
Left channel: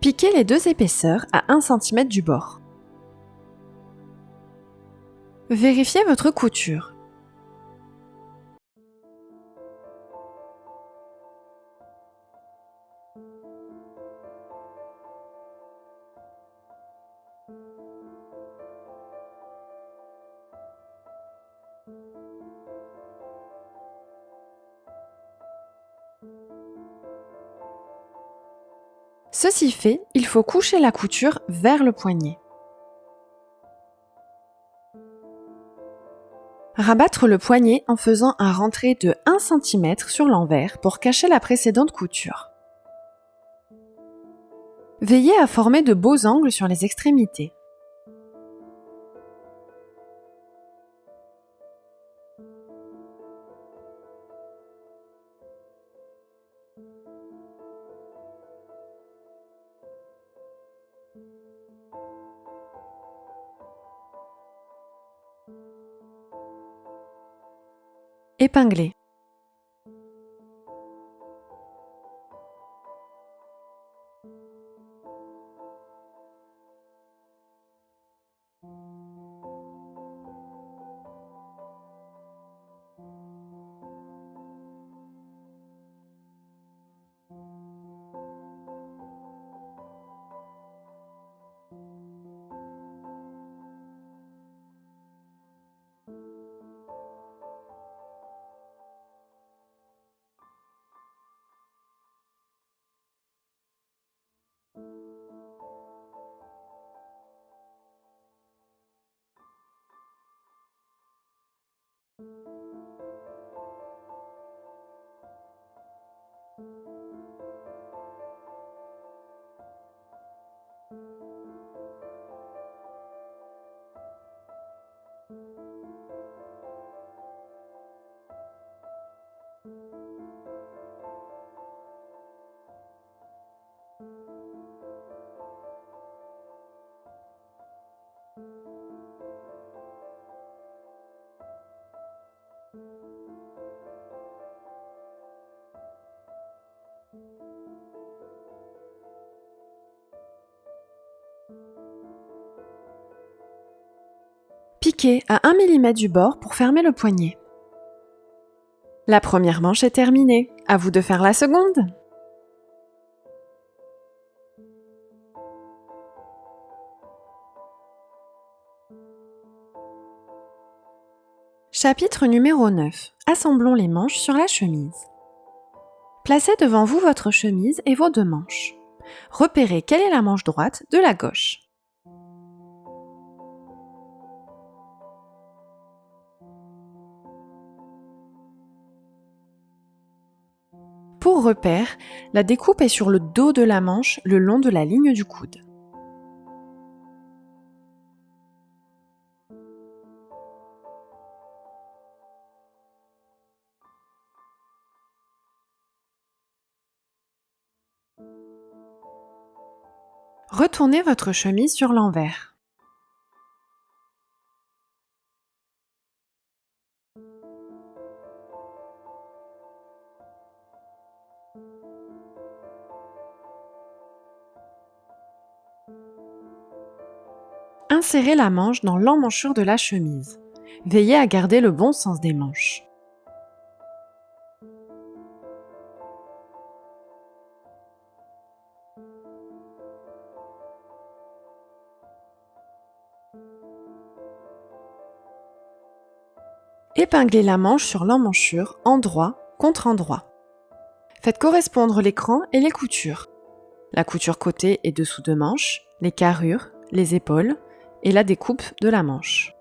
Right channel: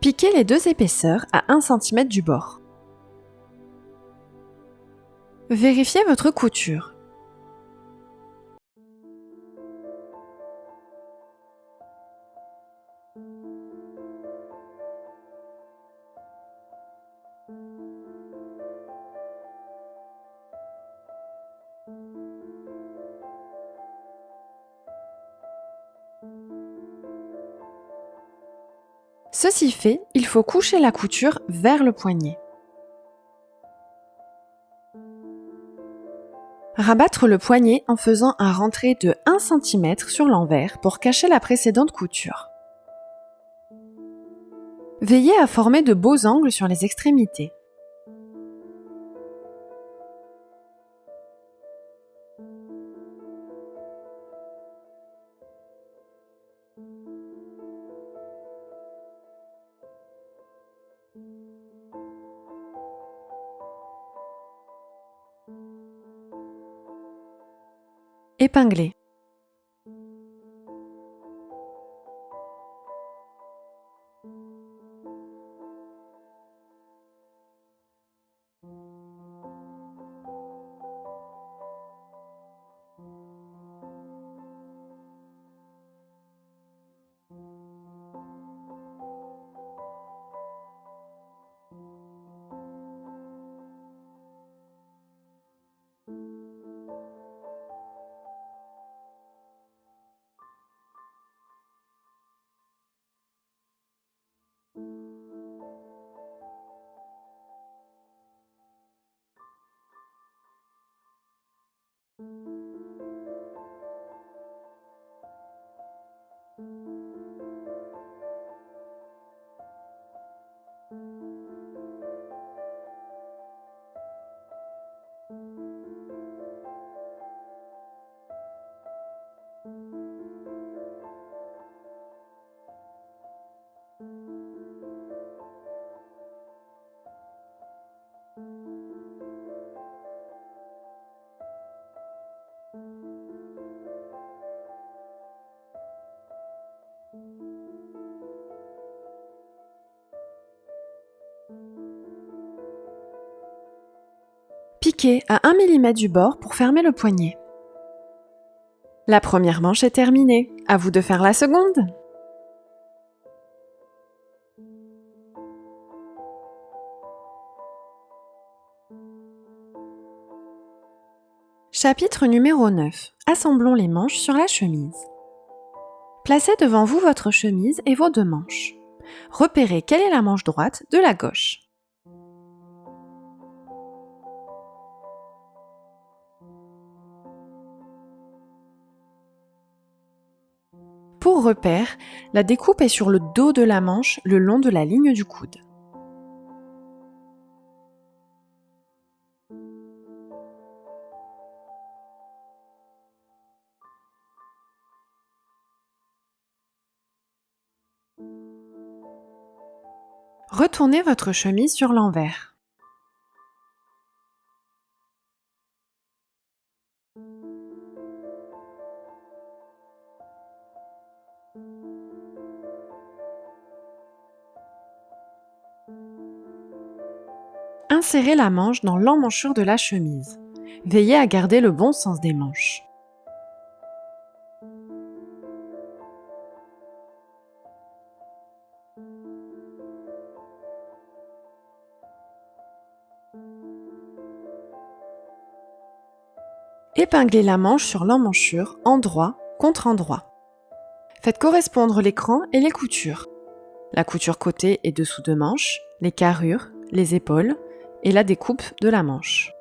Piquez les deux épaisseurs à 1 cm du bord. Vérifiez votre couture. Ceci fait, il faut coucher la couture vers le poignet. Rabattre le poignet en faisant un rentré de 1 cm sur l'envers pour cacher la précédente couture. Veillez à former de beaux angles sur les extrémités. Épinglez. Piquez à 1 mm du bord pour fermer le poignet. La première manche est terminée. À vous de faire la seconde. Chapitre numéro 9. Assemblons les manches sur la chemise. Placez devant vous votre chemise et vos deux manches. Repérez quelle est la manche droite de la gauche. Pour repère, la découpe est sur le dos de la manche le long de la ligne du coude. Retournez votre chemise sur l'envers. Insérez la manche dans l'emmanchure de la chemise. Veillez à garder le bon sens des manches. Épinglez la manche sur l'emmanchure, endroit contre endroit. Faites correspondre l'écran et les coutures. La couture côté et dessous de manche, les carrures, les épaules et la découpe de la manche.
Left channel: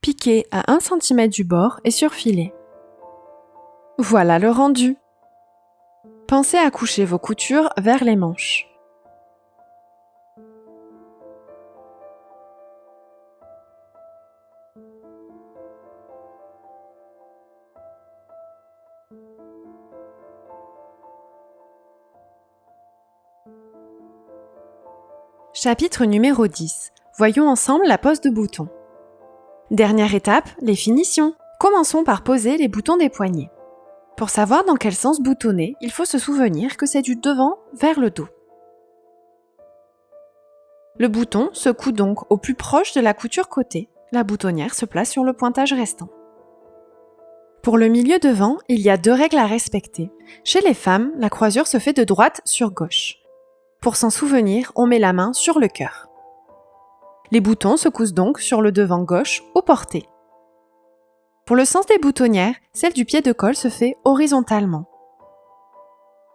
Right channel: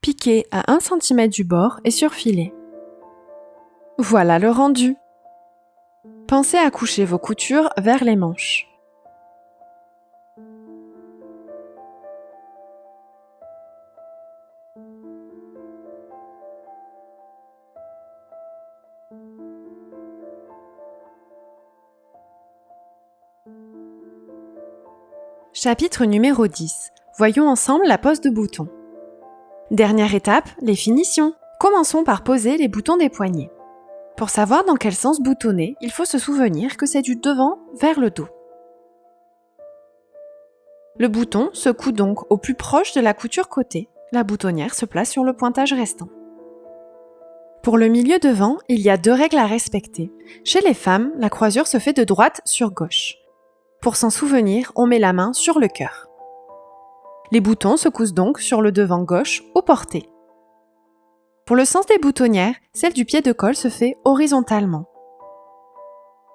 Piquez à 1 cm du bord et surfilez. Voilà le rendu. Pensez à coucher vos coutures vers les manches. Chapitre numéro 10. Voyons ensemble la pose de bouton. Dernière étape, les finitions. Commençons par poser les boutons des poignets. Pour savoir dans quel sens boutonner, il faut se souvenir que c'est du devant vers le dos. Le bouton se coud donc au plus proche de la couture côté. La boutonnière se place sur le pointage restant. Pour le milieu devant, il y a 2 règles à respecter. Chez les femmes, la croisure se fait de droite sur gauche. Pour s'en souvenir, on met la main sur le cœur. Les boutons se cousent donc sur le devant gauche au porté. Pour le sens des boutonnières, celle du pied de colle se fait horizontalement,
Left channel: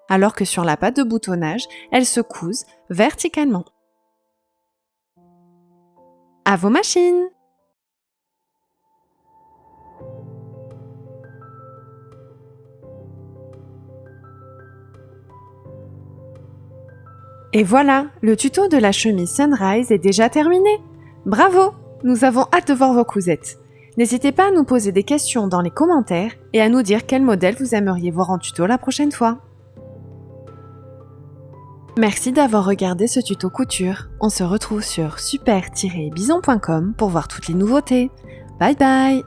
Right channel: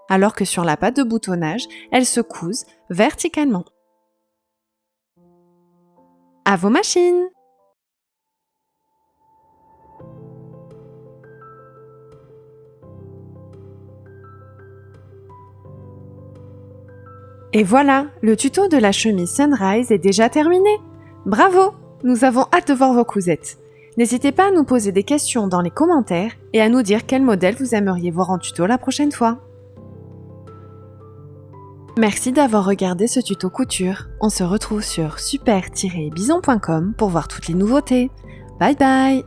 alors que sur la patte de boutonnage, elles se cousent verticalement. À vos machines! Et voilà, le tuto de la chemise Sunrise est déjà terminé. Bravo! Nous avons hâte de voir vos cousettes. N'hésitez pas à nous poser des questions dans les commentaires et à nous dire quel modèle vous aimeriez voir en tuto la prochaine fois. Merci d'avoir regardé ce tuto couture. On se retrouve sur super-bison.com pour voir toutes les nouveautés. Bye bye!